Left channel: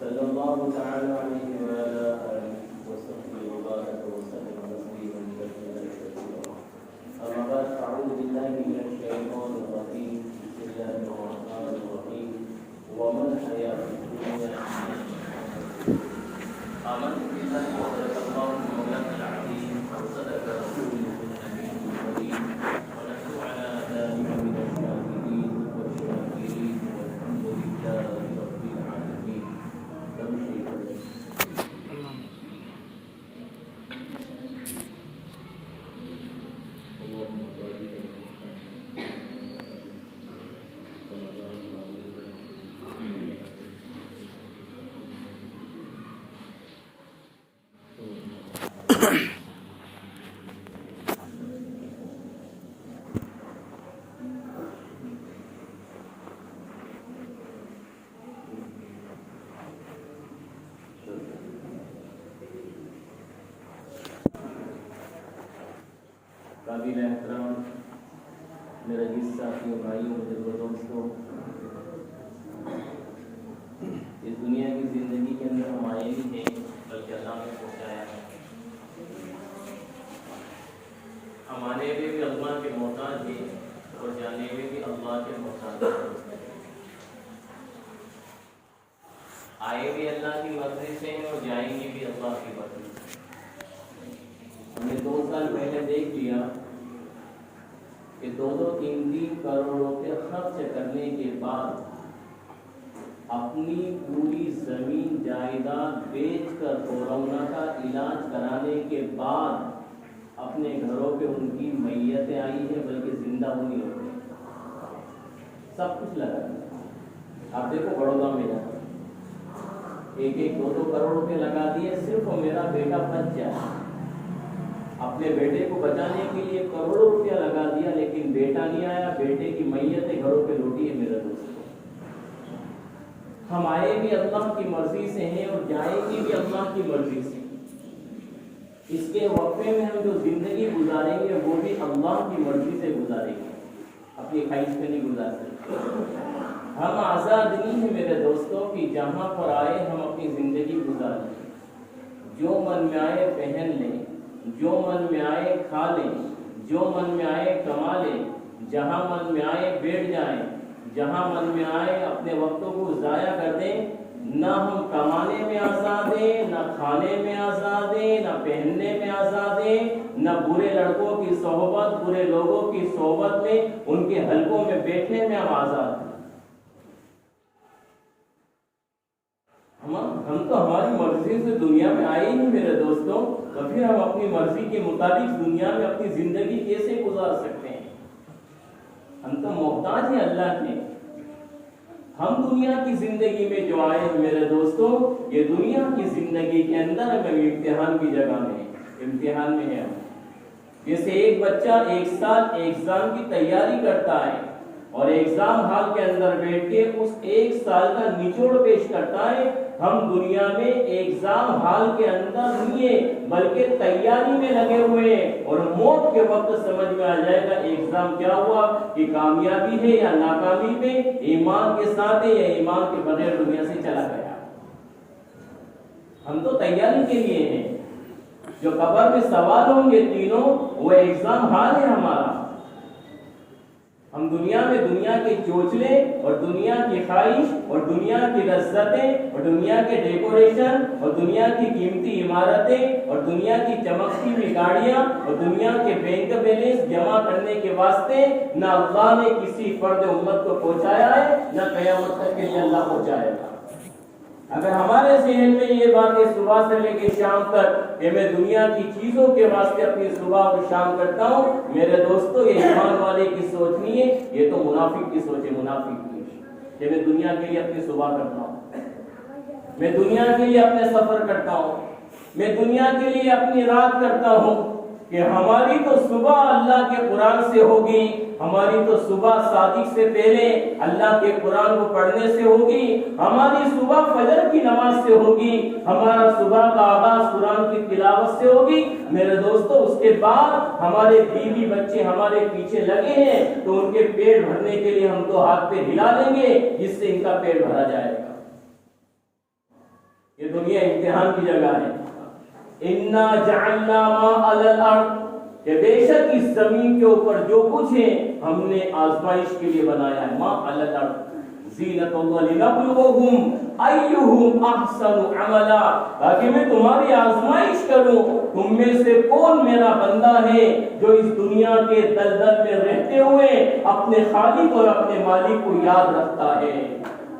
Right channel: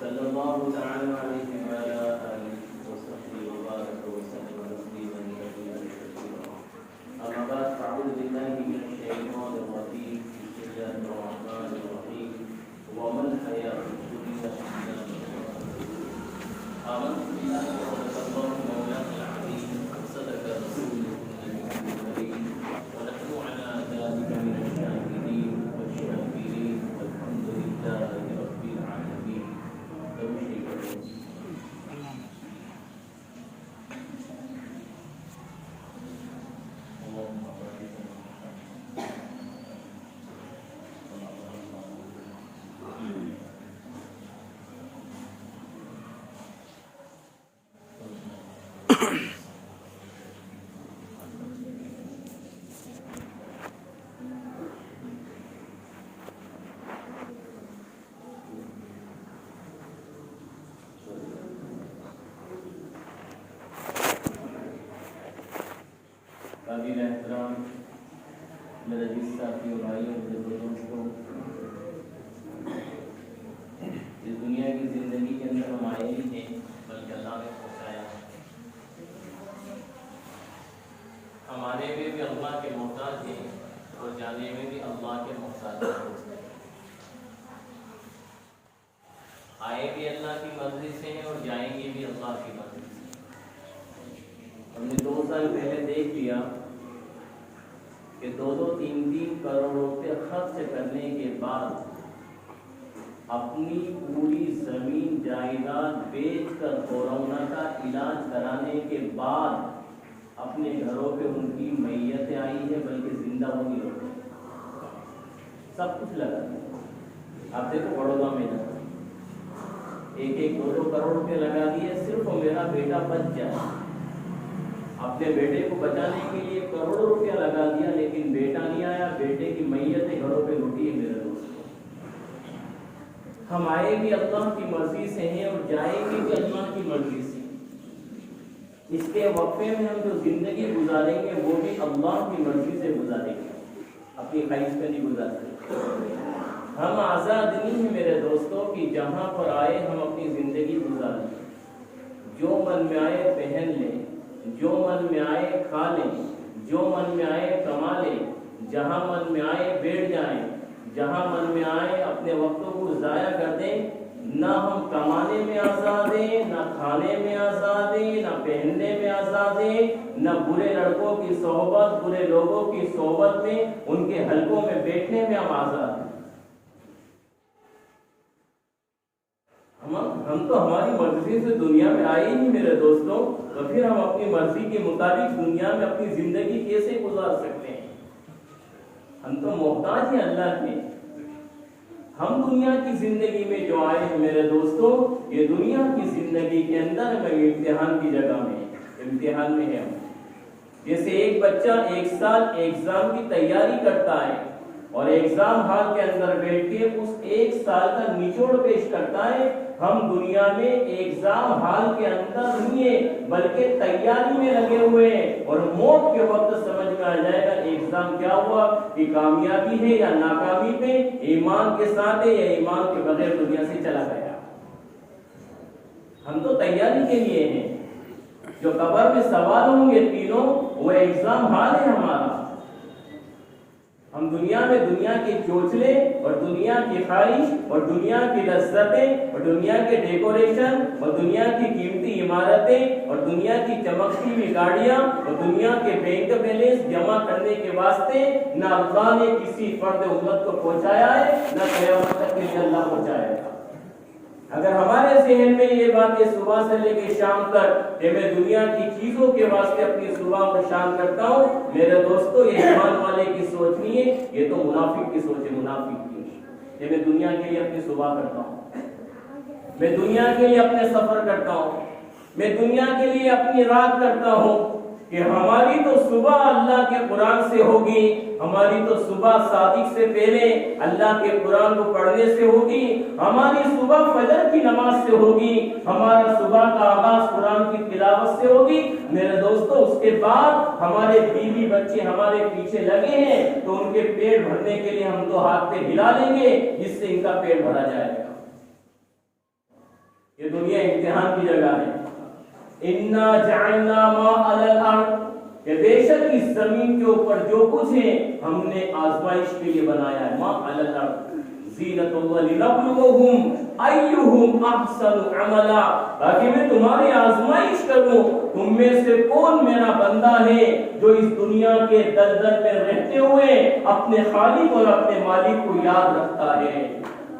صلی اللہ تعالی علیہ وعلی آلہ وصحبہ وبارک وسلم تسلیما کثیرا اما بعد فاعوذ باللہ من الشیطان الرجیم بسم اللہ الرحمن الرحیم وما الحیاۃ الدنیا آمنت باللہ وصدق اللہ مولانا العظیم وصدق رسوله النبی الکریم ونحن علی ذلک من الشاهدین والشاکرین والحمد للہ رب العالمین. قابل احترام میرے عزیز ساتھیوں بھائیوں دوستوں، اس دنیا کی زندگی کے اندر ہم آئے بھی تھے بلکہ اللہ نے پہنچایا ہے. ہم آنے میں بھی اللہ کے محتاج ہیں اور جانے میں بھی اللہ کے محتاج ہیں. آئے بھی اللہ کی مرضی سے اور جائیں گے بھی اللہ کی مرضی سے. ہم نے 2 سال پہلے دیکھ لیا کہ 2-3 کروڑ روپے خرچ کرنے کے بعد اپنی پوری زمین جائیداد بیچ کر کورونا کا علاج کرانے کے بعد اپنے گھروں پہ ان کی میتیں آئی ہے بلکہ زندہ ہوئی ہو گئی. سب کچھ لگا دیا. آپ دیکھو بڑودا میں لگا 1-2 کروڑ روپے لگا دیے صرف میرا بیٹا بچ جائے. اپنے بیٹے کو بچانے کے لیے کروڑوں روپیہ لگا دیا لیکن بیٹا نہیں آیا. بیٹے کی میتیں گھروں پہ لوٹی ہے. میرے دوستوں، ہم آئے بھی اللہ کی مرضی سے ہیں اور جائیں گے بھی اللہ کی مرضی سے. اس کے وقفے میں ہم جو زندگی گزاریں گے وہ بھی اللہ کی مرضی سے گزاریں گے، اپنی خواہش میں نہیں گزار سکتے. ہم آزاد نہیں ہیں میرے دوستوں کہ جہاں پر آئے ہم اپنی زندگی گزاریں. جو من میں آئے پہن لیں، جو من میں آئے کھا لیں، جو من میں آئے کما لیں، جہاں من میں آئے بیٹھ جائیں، جہاں من میں آئے اپنے وقتوں کو ضائع کر دیں. نہ ہم کمانے میں آزاد ہیں، نہ کھانے میں آزاد ہیں، نہ پہننے میں آزاد ہیں، نہ برے لڑکوں کی صحبت، برے لوگوں کی صحبت میں ان کے حلقوں میں بیٹھنے میں ہم آزاد ہیں. ہم تو ہماری مرضی سے دنیا میں آئے نہیں میرے دوستوں، تو پھر ہم اپنی مرضی کے مطابق دنیا میں اپنی زندگی کیسے گزار سکتے ہیں؟ ہم تو محتاج ہیں اللہ کے. ہم دنیا کی زندگی میں جو آئے ہیں میرے دوستوں، یہ دنیا کی زندگی کے اندر ہمیں امتحان کی جگہ میں امتحان میں ہے. جیسے ایک بچہ 1 سال ایگزام کی تیاری کرتا ہے اور ایگزام ہال کے اندر بیٹھ کے اس 1 سال کا نچوڑ پیش کرتا ہے. ہم دنیا میں ایگزام ہال کے اندر نہیں ہیں بلکہ تیاری میں لگے ہوئے ہیں اور موت کے وقت سمجھ میں آ جائے گا ایگزام کیا ہوا، کہ کامیابی ہے یا ناکامی پہ، ایمان کے ساتھ ہے یا ایمان کے بغیر دنیا سے چلا گیا. ہم تو تیاری کے لیے ہیں. جو قبر میں سوال ہوں گے تینوں وہ ایگزام ہال ہے ہمارا. ہم دنیا میں دنیا کے چوچلے اور دنیا کی خواہش اور دنیا کی لذتیں اور دنیا کے ڈیکوریشن اور دنیا کی قیمتی عمارتیں اور دنیا کی چمکتی ہوئی گاڑیاں اور دنیا کے بینک بیلنس جمع کرنے کے واسطے نہ اللہ نے کسی فرد امت کو پہنچایا ہے نہ قیامت تک کے لیے اللہ پہنچائے گا. اگر ہمارے ذہن میں یہ بات ہے صبح سے لے کے شام تک کہ میں دنیا کی چیزوں کے واسطے اپنی صبح اور شام کرتا ہوں، میرے دوستوں یہ ایمان والے کی سوچ نہیں ہے، یہ تو منافق کی سوچ ہے. منافق کی کہ میں دنیا کے لیے اپنی صبح کرتا ہوں، میں دنیا کے لیے اپنے سفر کرتا ہوں، میں دنیا کے لیے اپنی رات کرتا ہوں. کہ ہماری تو صبح اللہ کے قرآن سے ہوگی، ہماری تو صبح صادق سے پہلے اللہ کے قرآن کو پڑھنے سے ہوگی، ہماری صبح فجر کی نماز سے ہوگی، ہمارا صبح کا آغاز قرآن کی تلاوت سے ہوگی. میرے دوستو اس کے بعد ہمارے بیوی بچے ہمارے پیچھے لگے ہیں تو ان کے پیٹ بھرنے کے لیے ہم تو ہاتھ پہ ہلا لیں گے جس سے ان کا پیٹ بھرا جائے گا. یہ دنیا امتحان کی جگہ ہے. انا جعلنا ما علی الارض، کہ بے شک اس زمین کے اوپر جو کچھ ہے ہم نے آزمائش کے لیے بنایا ہے. ما علی الارض زینۃ ولنبلوہم ایہم احسن عملا، تاکہ میں تمہاری آزمائش کروں تم میں سے کون میرا بندہ ہے جو اس دنیا کے دلدل میں رہتے ہوئے اپنے خالق اور اپنے مالک کو یاد رکھتا ہے.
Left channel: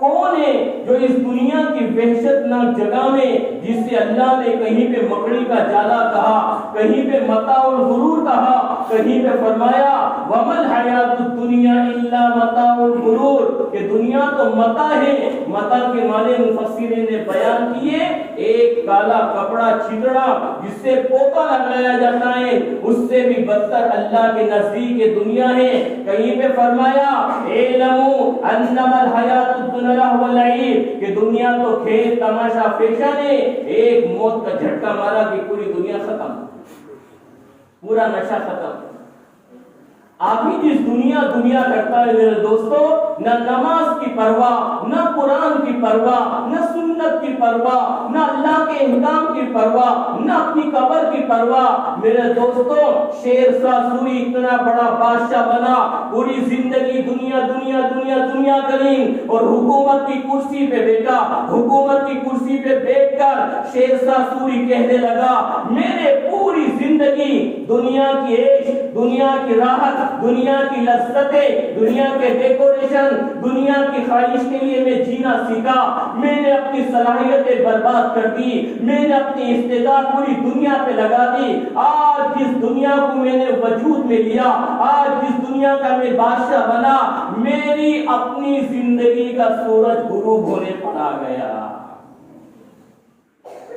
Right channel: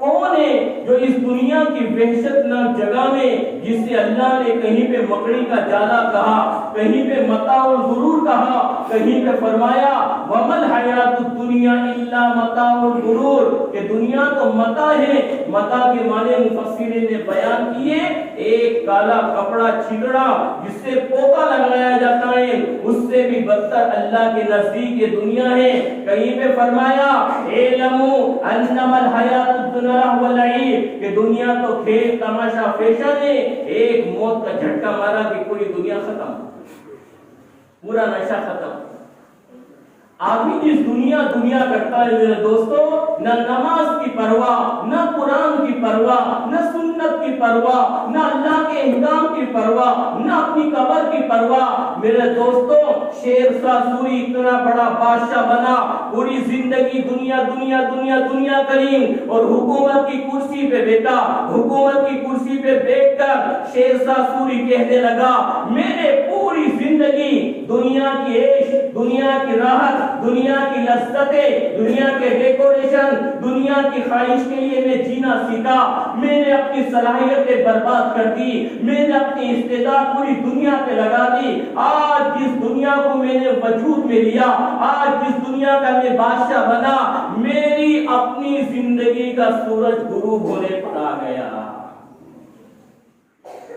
کون ہے جو اس دنیا کی وحشت ناک جگہ میں، جسے اللہ نے کہیں پہ مکڑی کا جالا کہا، کہیں پہ متاع الغرور کہا، کہیں پہ فرمایا وَمَا الْحَيَاةُ الدُّنْيَا إِلَّا مَتَاعُ الْغُرُورِ، کہ دنیا تو متاع ہے. متاع کے معنی مفسرین نے بیان کیے ایک کالا کپڑا چھتڑا جس سے پوکا لگایا جاتا ہے، اس سے بھی بدتر اللہ کے نزدیک یہ دنیا ہے. کہیں پہ فرمایا اعلموا انما الحیات الدنیا واللعب، کہ دنیا تو کھیل تماشا فیشن ہے. ایک موت کا جھٹکا مارا کہ پوری دنیا ختم، پورا نشہ ختم. آدمی جس دنیا کرتا ہے میرے دوستو، نہ نماز کی پرواہ، نہ قرآن کی پرواہ، نہ سنت کی پرواہ، نہ اللہ کے احکام کی پرواہ، نہ اپنی قبر کی پرواہ. میرے دوستو شیرشاہ سوری اتنا بڑا بادشاہ بنا، پوری زندگی دنیا دنیا دنیا دنیا کریم، اور حکومت کی کرسی پہ بیٹھا. حکومت کی کرسی پہ بیٹھ کر شیرشاہ سوری کہنے لگا میں نے پوری زندگی دنیا کی عیش، دنیا کی راحت، دنیا کی لذتیں، دنیا کے ڈیکوریشن، دنیا کی خواہش کے لیے میں جینا سیکھا. میں نے اپنی صلاحیتیں برباد کر دی، میں نے اپنی استعداد پوری دنیا پہ لگا دی. آج جس دنیا کو میں نے وجود میں لیا، آج جس دنیا کا میں بادشاہ بنا، میری اپنی زندگی کا سورج غروب ہونے پر آ گیا.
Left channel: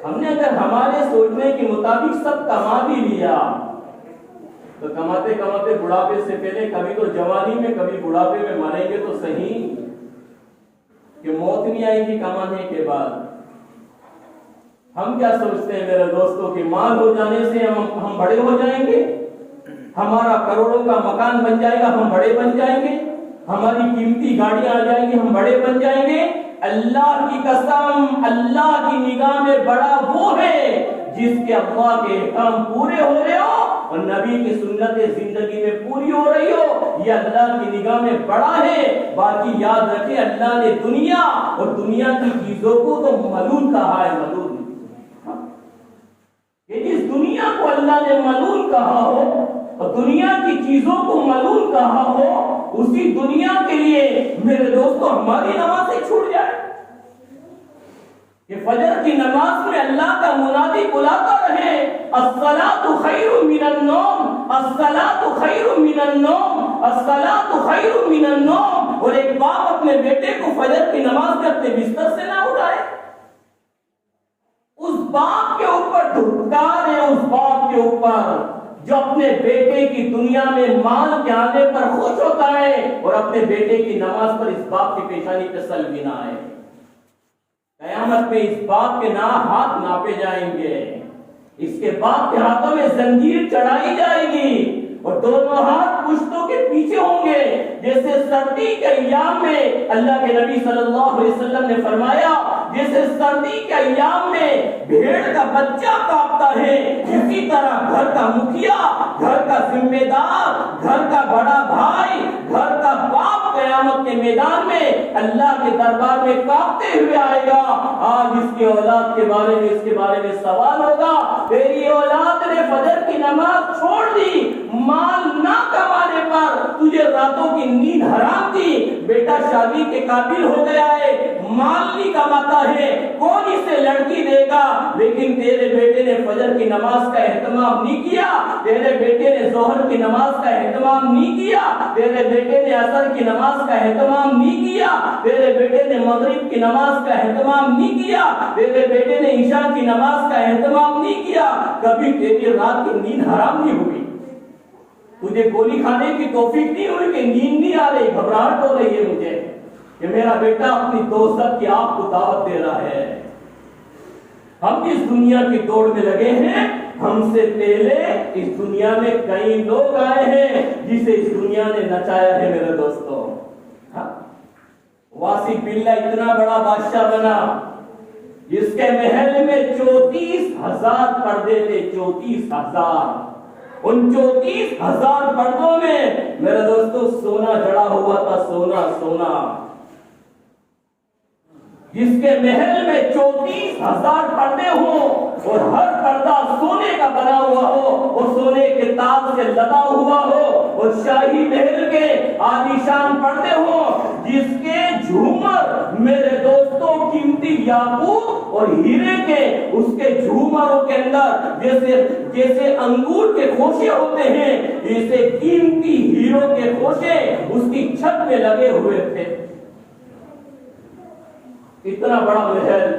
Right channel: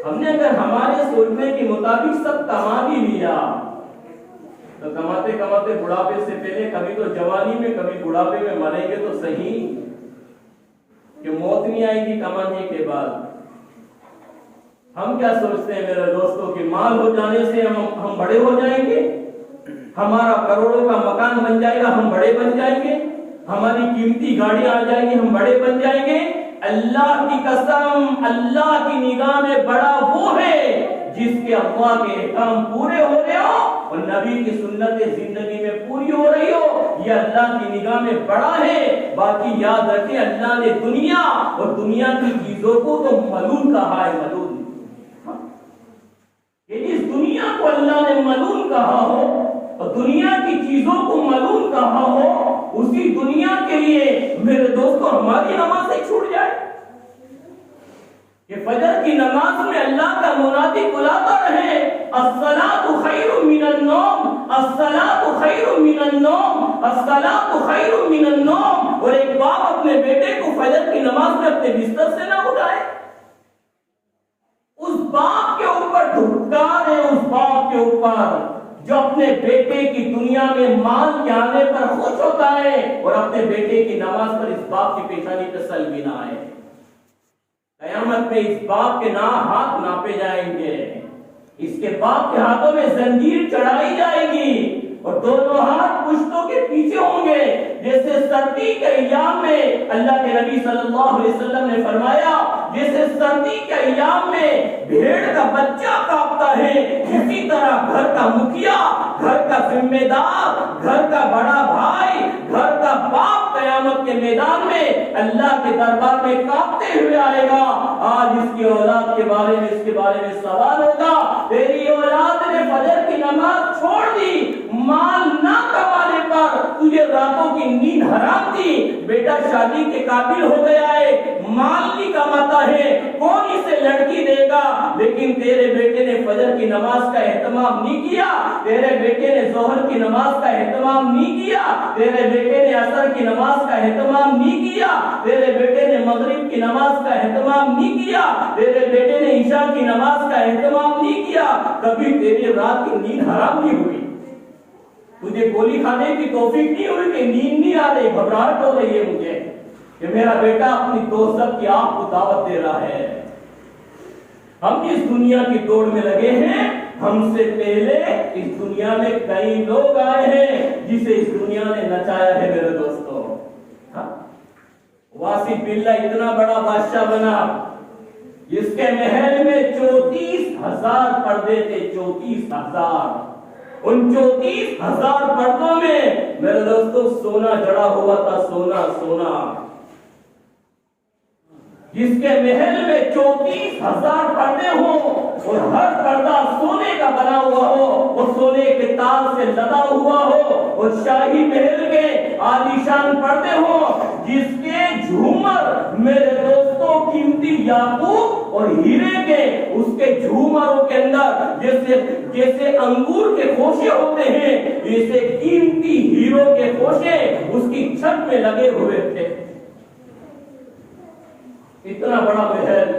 ہم نے اگر ہمارے سوچنے کے مطابق سب کما بھی لیا تو کماتے کماتے بڑھاپے سے پہلے کبھی تو جوانی میں کبھی بڑھاپے میں مریں گے تو صحیح، کہ موت نہیں آئے گی کمانے کے بعد. ہم کیا سوچتے ہیں میرے دوستوں کہ مال ہو جانے سے ہم بڑے ہو جائیں گے، ہمارا کروڑوں کا مکان بن جائے گا، ہم بڑے بن جائیں گے، ہماری قیمتی گاڑیاں آ جائیں گی، ہم بڑے بن جائیں گے. اللہ کی قسم، اللہ کی نگاہ میں بڑا وہ ہے جس کے اللہ کے احکام پورے ہو رہے ہو اور نبی کی سنت زندگی میں پوری ہو رہی ہو. یہ اللہ کی نگاہ میں بڑا ہے. باقی یاد رکھیں اللہ نے دنیا اور دنیا کی چیزوں کو تو ملعون کہا ہے. ملعون، کہ جس دنیا کو اللہ نے ملعون کہا ہو اور دنیا کی چیزوں کو ملعون کہا ہو، اسی دنیا کے لیے میرے دوستو ہماری نمازیں چھوٹ جائے کہ فجر کی نماز میں اللہ کا منادی بلاتا رہے الصلاۃ خیر من النوم، الصلاۃ خیر من النوم، الصلاۃ خیر من النوم، اور ایک باپ اپنے بیٹے کو فجر کی نماز میں اپنے بستر سے نہ اٹھائے. اس باپ کے اوپر دھکار ہے، اس باپ کے اوپر جو اپنے بیٹے کی دنیا میں مال کے آنے پر خوش ہوتا ہے اور اپنے بیٹے کی نماز پر اس باپ کی پیشانی پہ سلمی نہ آئے. قیامت پہ اس باپ کے ہاتھ ناپے جائیں گے، اس کے باپ کے ہاتھوں میں زنجیر چڑھائی جائے گی اور دونوں ہاتھ پشتوں کے پیچھے ہوں گے. جیسے سردی کے ایام میں اللہ کے نبی صلی اللہ علیہ وسلم نے فرمایا جیسے سردی کے ایام میں بھیڑ کا بچہ کانپتا ہے، اسی طرح گھر کا مکھیا، گھر کا ذمہ دار، گھر کا بڑا بھائی، گھر کا باپ قیامت کے میدان میں اللہ کے دربار میں کانپتے ہوئے آئے گا. آج اس کی اولاد کے بارے میں سوال ہوگا. تیری اولاد نے فجر کی نماز چھوڑ دی، مال نہ کمانے پر تجھے راتوں کی نیند حرام تھی. بیٹا شادی کے قابل ہو گیا ہے، مال نہیں کماتا ہے، کون اسے لڑکی دے گا، لیکن تیرے بیٹے نے فجر کی نماز کا اہتمام نہیں کیا، تیرے بیٹے نے ظہر کی نماز کا اہتمام نہیں کیا، تیرے بیٹے نے عصر کی نماز کا اہتمام نہیں کیا، تیرے بیٹے نے مغرب کی نماز کا اہتمام نہیں کیا، تیرے بیٹے نے عشاء کی نماز کا اہتمام نہیں کیا. کبھی تیری رات کی نیند حرام نہیں ہوئی، تجھے گولی کھانے کی توفیق نہیں ہوئی کہ نیند نہیں آ رہی، گھبراہٹ ہو رہی ہے مجھے کہ میرا بیٹا اپنی دوست کی آپ کو دعوت دے رہا ہے. ہم اس دنیا کی دوڑ میں لگے ہیں، ہم سے پہلے اس دنیا میں کئی لوگ آئے ہیں جسے اس دنیا نے نچایا ہے. میرے دوستو واصف باللہ اتنا بڑا بادشاہ بنا، جس کے محل میں 34,000 پردے تھے، 34,000۔ ان 34,000 پردوں میں میرے دوستوں سونا جڑا ہوا تھا، سونا سونا۔ جس کے محل میں 34,000 پردے ہوں اور ہر پردہ سونے کا بنا ہوا ہو اور سونے کے تاج سے لدا ہوا ہو اور شاہی محل کے عالیشان پردے ہوں، جس کے جھومر میرے دوستوں قیمتی یاقوت اور ہیرے کے، اس کے جھومروں کے اندر جیسے انگور کے خوشے ہوتے ہیں، جیسے قیمتی ہیروں کے خوشے اس کی چھت میں لگے ہوئے تھے۔ اتنا بڑا محل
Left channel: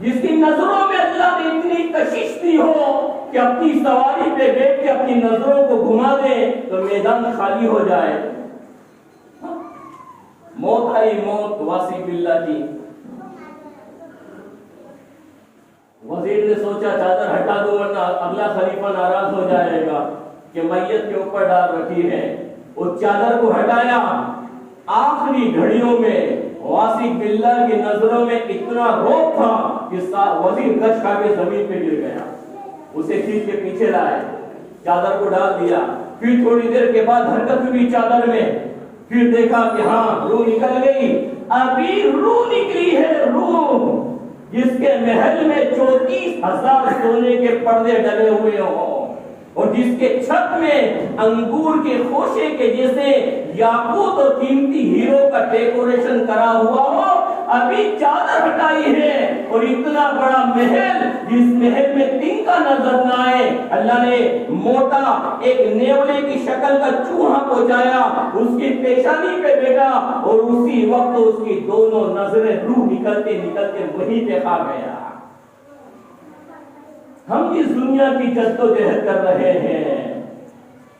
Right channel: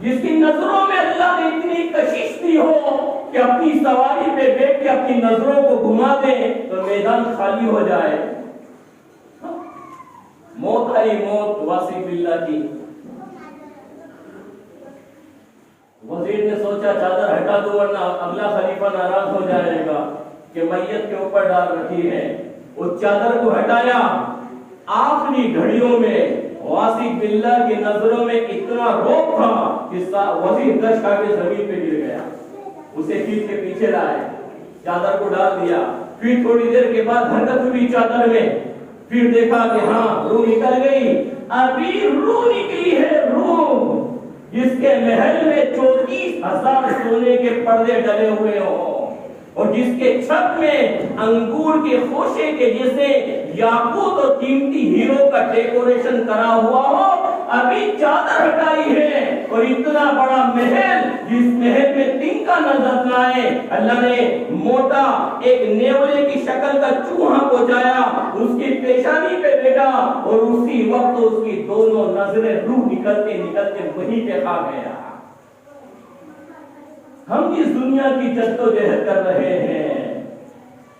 جس کی نظروں میں اللہ نے اتنی کشش دی ہو کہ اپنی سواری پہ بیٹھ کے اپنی نظروں کو گھما دے تو میدان خالی ہو جائے۔ موت آئی، موت واصف باللہ کی۔ وزیر نے سوچا چادر ہٹا دو ورنہ اگلا خلیفہ ناراض ہو جائے گا کہ میت کے اوپر ڈال رکھی ہے۔ اس چادر کو ہٹایا، آخری گھڑیوں میں واصف باللہ کی نظروں میں اتنا روب تھا کہ وزیر گش کھا کے زمین پہ گر گیا۔ اسے کھینچ کے پیچھے لائے، چادر کو ڈال دیا، پھر تھوڑی دیر کے بعد حرکت ہوئی چادر میں، پھر دیکھا کہ ہاں روح نکل گئی۔ ابھی روح نکلی ہے، روح جس کے محل میں 34,000 سونے کے پردے ڈلے ہوئے ہوں اور جس کے چھت میں انگور کے خوشے کے جیسے یاقوت اور قیمتی ہیرو کا ڈیکوریشن کرا ہوا ہو، ابھی چادر ہٹائی ہے اور اتنا بڑا محل جس محل میں تنکا نظر نہ آئے، اللہ نے موٹا ایک نیولے کی شکل کا چوہا پہنچایا، اس کی پیشانی پہ بیٹھا اور اسی وقت اس کی دونوں نظریں روح نکلتے نکلتے وہیں پہ آ گیا۔ ہم اس دنیا کی جدوجہد کر رہے ہیں،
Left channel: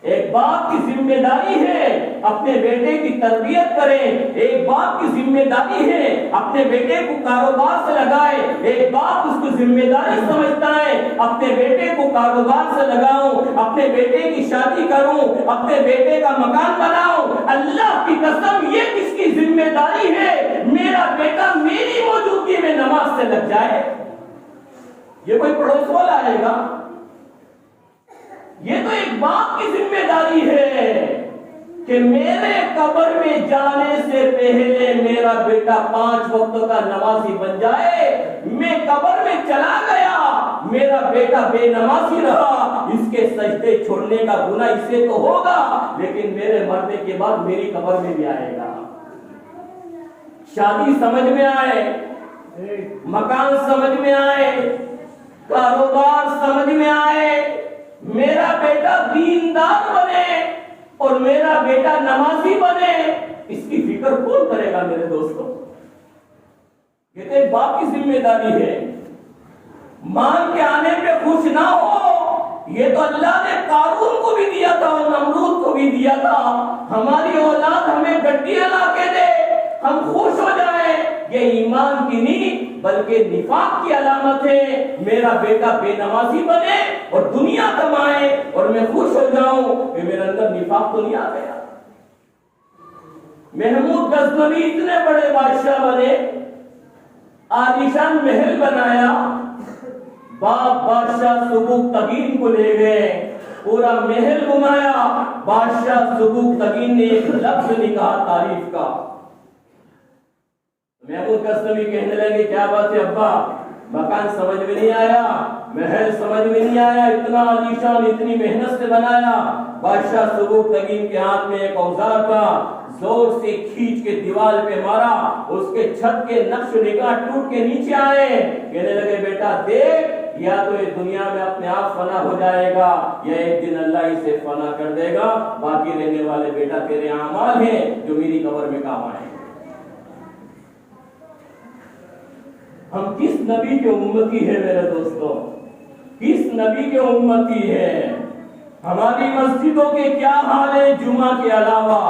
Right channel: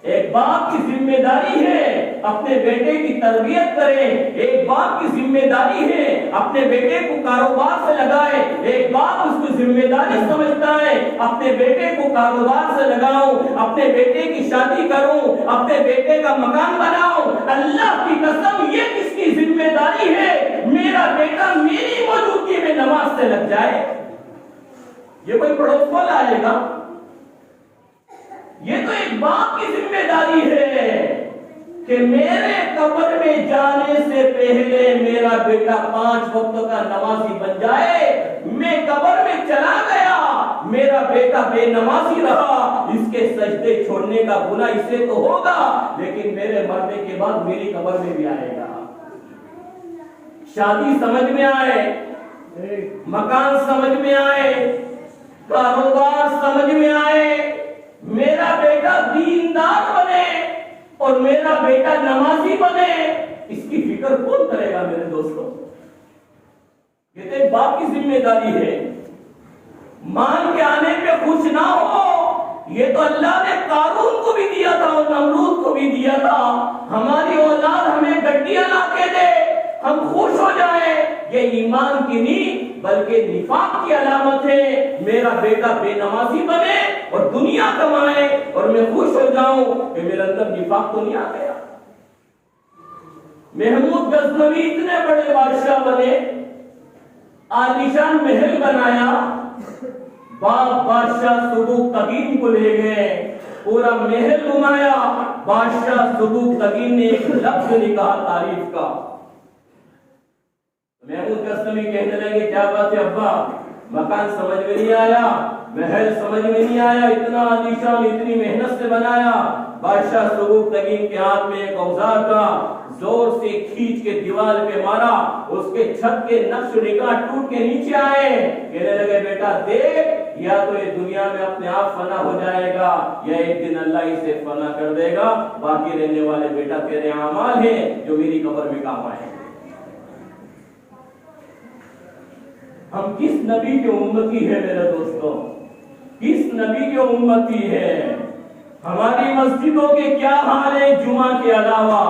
ایک باپ کی ذمہ داری ہے اپنے بیٹے کی تربیت کرے، ایک باپ کی ذمہ داری ہے اپنے بیٹے کو کاروبار سے لگائے، ایک باپ اس کو ذمہ داری سمجھتا ہے اپنے بیٹے کو کاروبار سے لگاؤں، اپنے بیٹے کی شادی کروں، اپنے بیٹے کا مکان بناؤں۔ اللہ کی قسم یہ کس کی ذمہ داری ہے؟ میرا بیٹا میری موجودگی میں نماز سے لگ جائے۔ یہ کوئی پڑوس والا آئے گا؟ یہ تو ایک باپ کی ذمہ داری ہے کہ میرے قبر میں جانے سے پہلے میرا بیٹا 5 وقت کا نمازی بن جائے۔ میں قبر میں چلا گیا، میرا بیٹا بے نمازی رہا، اس کے سجدے چھوڑنے کا گناہ اسے تو ہوگا، لیکن میرے مرنے کے بعد میری قبر میں بھی آئے گا۔ شادی سمجھ میں آئے، مکان سمجھ میں آئے، کاروبار سمجھ میں آئے، میرا بیٹا دیندار بنے اور میرا بیٹا نمازی بنے، اس کی فکر کون کرے گا میرے دوستوں؟ یہ تو ایک باپ کی ذمہ داری ہے۔ مال کے آنے پہ خوش نہ ہو، یہ تو اللہ نے قارون کو بھی دیا تھا اور نمرود کو بھی دیا تھا۔ ہماری اولاد ہمیں گڈیاں لا کے دے، ہم خوش ہو جائیں، یہ ایمان کی نہیں بلکہ نفاق کی علامت ہے۔ میرا بیٹا بے نمازی بنے اور دنیا کمائے اور میں خوش ہو جاؤں کہ میرے اندر نفاق تو نہیں آ گیا۔ محمود غزنوی اتنے بڑے بادشاہ بنے، عالیشان محل بنایا، باپ بادشاہ سبوک تگین کو لے گئے، پورا محل گھمایا، بادشاہ سبوک تگین نے ایک لفظ نہیں کہا تعریف کا۔ محمود غزنوی کہنے لگے کیا بات ہے ابا، مکان سمجھ میں نہیں آیا، محل سمجھ میں نہیں آیا، اتنا عالیشان اتنی محنت سے بنایا۔ بادشاہ سبوک تگین کے ہاتھ میں ایک اوزار کا زور سے کھینچ کے دیوار پہ مارا، اس کے چھت کے نقش نگاہ ٹوٹ کے نیچے آئے۔ کہنے لگے بیٹا دیکھ، یا تو یہ دنیا میں اپنے آپ فنا ہو جائے گا یا ایک دن اللہ اسے فنا کر دے گا، باقی رہنے والے بیٹا تیرے اعمال ہیں جو میری قبر میں کام آئے۔ ہم کس نبی کے امتی ہیں میرے دوستوں؟ کس نبی کے امتی ہیں؟ ہماری مسجدوں کے کیا حال ہے؟ جمعہ کے علاوہ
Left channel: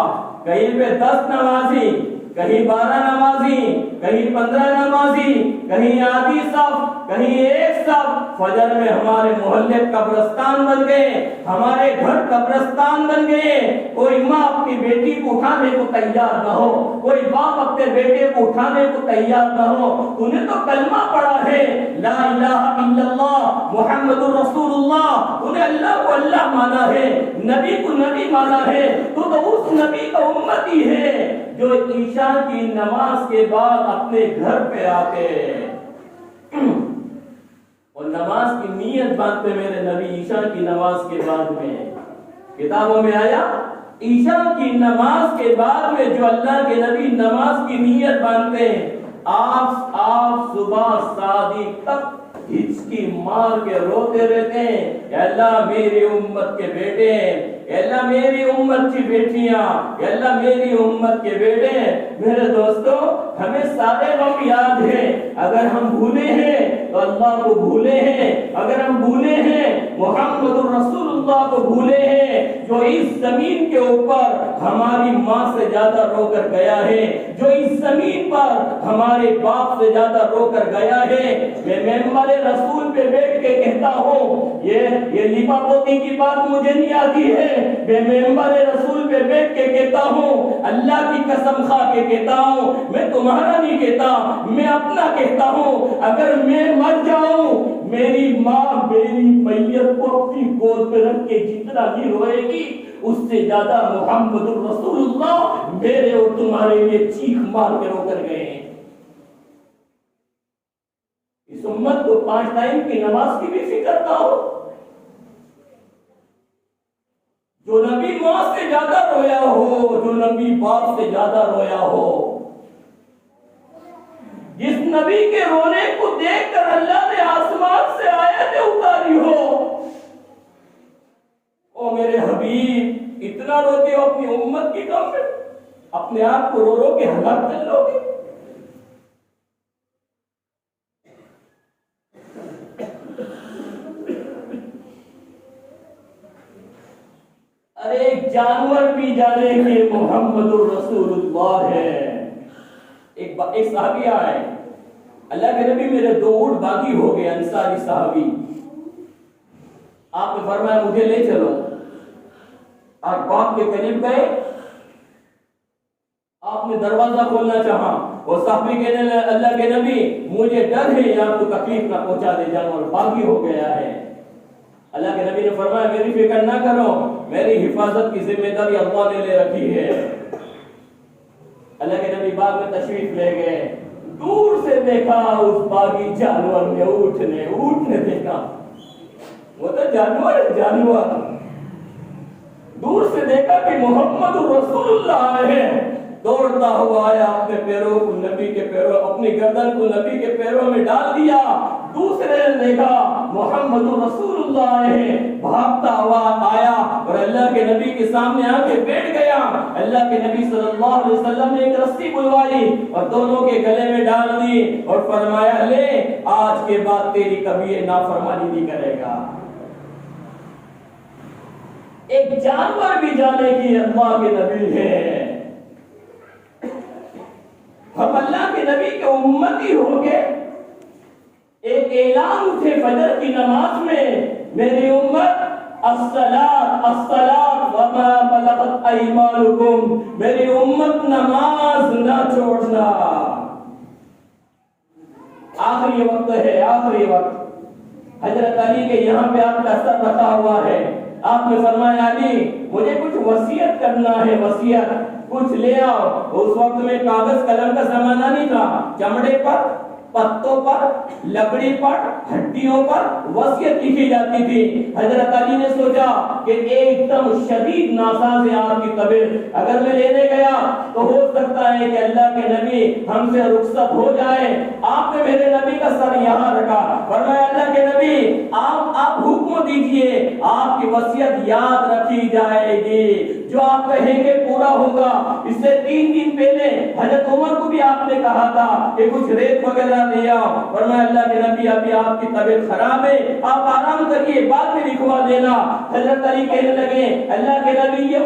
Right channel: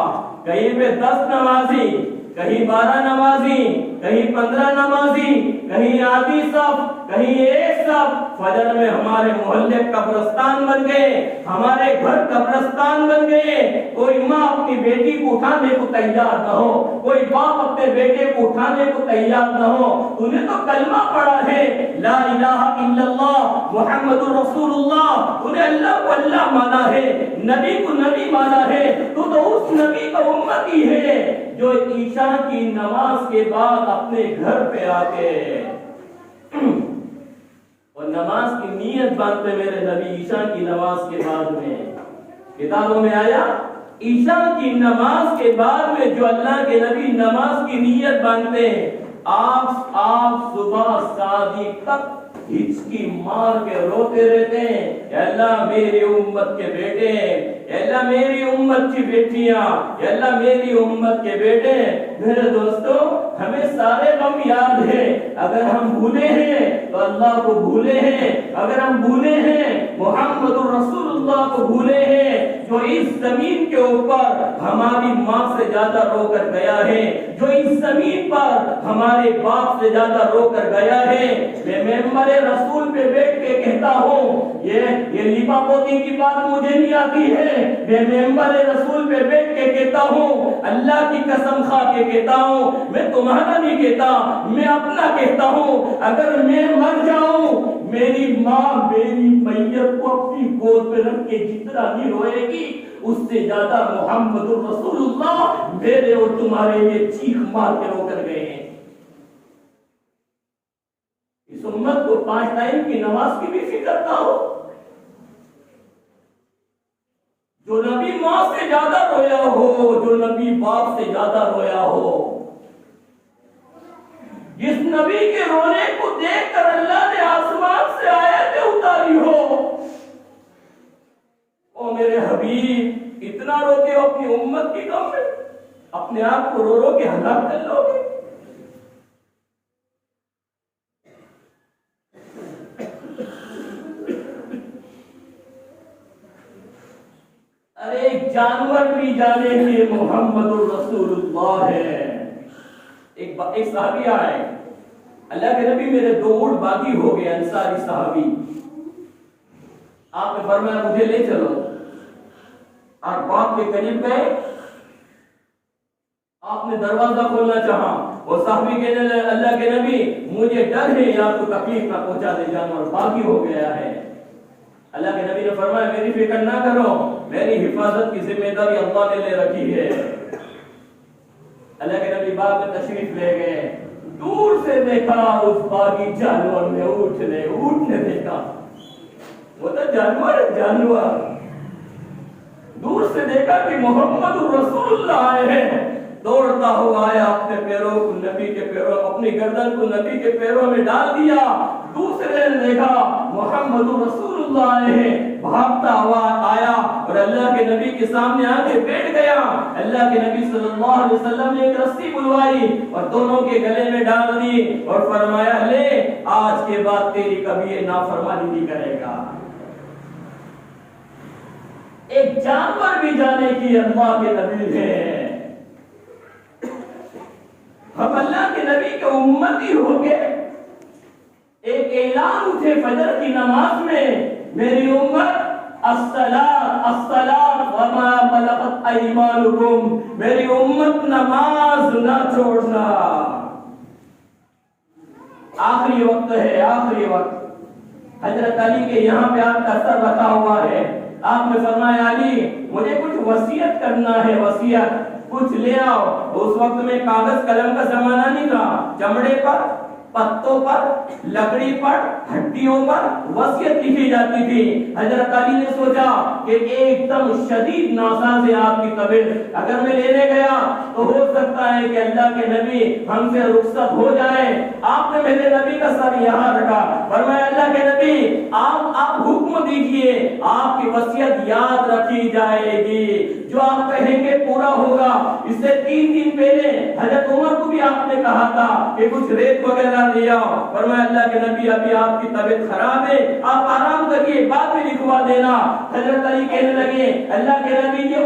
کہیں پہ 10 نمازی، کہیں 12 نمازی، کہیں 15 نمازی، کہیں آدھی صف، کہیں ایک صف۔ فجر میں ہمارے محلے قبرستان بن گئے، ہمارے گھر قبرستان بن گئے۔ کوئی ماں اپنی بیٹی کو اٹھانے کو تیار نہ ہو، کوئی باپ اپنے بیٹے کو اٹھانے کو تیار نہ ہو۔ تو نے تو کلمہ پڑھا ہے، لا الہ الا اللہ محمد الرسول اللہ، انہیں اللہ کو اللہ مانا ہے، نبی کو نبی مانا ہے، تو اس نبی کا امتی ہے جو عشاء کی نماز کے بعد اپنے گھر پہ آتے اور نماز کی نیت باندھتے۔ میرے نبی عشاء کی نماز کے بعد میں کتابوں میں آیا، عشاء کی نماز کے بعد میں جو اللہ کے نبی نماز کی نیت باندھتے ہیں، آپ صبح صادق تک ہچکی مار کے روتے رہتے ہیں، اے اللہ میری امت کے بیٹے، اے اللہ میری امت کی بیٹیاں، اے اللہ میری امت کے بیٹے۔ میرے دوستو، ہمیں سارے غم یاد ہیں، اگر ہم بھولے ہیں تو اللہ کو بھولے ہیں، اگر ہم بھولے ہیں محمد الرسول اللہ کو بھولے ہیں، جو اس زمین کے اوپر ہماری ماں سے زیادہ رو کر گیا ہے، جو اس زمین پر ہمارے باپ سے زیادہ رو کر گیا ہے۔ میں ممبر رسول پہ بیٹھ کے کہتا ہوں، یہ لیپا پوتی کی بات مجھے نہیں آتی ہے، میں ممبر رسول پہ بیٹھ کے کہتا ہوں، اللہ کی قسم کھا کے کہتا ہوں، میں تمہارا نہیں کہتا، میں اپنا کہتا ہوں، اگر میں مر جاؤں میری ماں میری میت کو اپنی گود پہ رکھ کے جتنا نہیں روئے گی، اس سے زیادہ محمد الرسول اللہ میرے اور تمہارے لیے چیخ مار کے رو کر گئے ہیں۔ اس امت کو 5 ٹائم کی نماز کی بھی فکر نہ ہو، جو نبی ماں سے زیادہ رویا ہو، جو نبی باپ سے زیادہ رویا ہو، جس نبی کے رونے کو دیکھ کر اللہ نے آسمان سے آیتیں اتاری ہو، او میرے حبیب اتنا روتے ہو اپنی امت کی غم میں، اپنے آپ کو رو رو کے ہلاک کر لو گے۔ ارے ایک جانور بھی جانے کہ محمد الرسول اللہ ہے۔ ایک صحابی آئے، اللہ کے نبی میرے 2 اونٹ باغی ہو گئے، انصاری صحابی، آپ نے فرمایا مجھے لے چلو۔ آپ باغ کے قریب گئے، آپ نے دروازہ کھولنا چاہا، وہ صحابی کہنے لگے اللہ کے نبی مجھے ڈر ہے آپ کو تکلیف نہ پہنچا دے، جانور باغی ہو گیا ہے۔ اللہ کے نبی نے فرمایا میری فکر نہ کرو، میری حفاظت کی ذمہ داری اللہ نے لے رکھی ہے۔ اللہ کے نبی باغ میں تشریف لے گئے، دور سے دیکھا اس باغی جانور نے اونٹ نے دیکھا، وہ تو جانور دور سے دیکھا کہ محمد رسول اللہ آئے ہیں، دوڑتا ہوا آیا، اپنے پیروں کو نبی کے پیروں، اپنی گردن کو نبی کے پیروں میں ڈال دیا۔ دوسرے نے دیکھا محمد رسول اللہ آئے ہیں، بھاگتا ہوا آیا اور اللہ کے نبی کے سامنے آ کے بیٹھ گیا۔ اللہ کے نبی صلی اللہ علیہ وسلم نے ایک رسی بلوائی اور دونوں کے گلے میں ڈال دی اور فرمایا لے آج کے بعد تیری کبھی یہ نافرمانی نہیں کرے گا۔ ایک جانور بھی جانے کی اللہ کے نبی ہے، ہم اللہ کے نبی کے امتی ہو گئے۔ ایک اعلان اٹھے فجر کی نماز میں، میری امت الصلاۃ الصلاۃ وما ملکت ایمانکم، میری امت نماز نہ چھوڑنا۔ آخری وقت ہے، آخری وقت، حضرت علی کے یہاں پہ آپ کا سر رکھا ہوا ہے، آپ نے فرمایا علی مجھے کچھ وصیت کرنا ہے، وصیت کچھ لے آؤ۔ اس وقت میں کاغذ قلم کا زمانہ نہیں تھا، چمڑے پر، پتوں پر، لکڑی پر، ہڈیوں پر وصیت لکھی جاتی تھی۔ حضرت علی نے سوچا کہ ایک دم شدید ناساز ہے آپ کی طبیعت، اگر میں لینے گیا تو ہو سکتا ہے کہ اللہ کے نبی ہم سے رخصت ہو جائے۔ آپ نے میرے نبی کا سر یہاں رکھا، فرمایا اللہ کے نبی آپ حکم دیجئے، آپ کی وصیت یاد رکھی جائے گی۔ جو آپ کہیں گے پورا ہوگا۔ اس سے 3 دن پہلے حضرت عمر کو بھی آپ نے کہا تھا کہ کچھ ریت وغیرہ لے آؤ، فرمایا اللہ کے نبی ابھی آپ کی طبیعت خراب ہے، آپ آرام کریے، بعد میں لکھوا دینا۔ حضرت علی کہنے لگے اللہ کے نبی یہ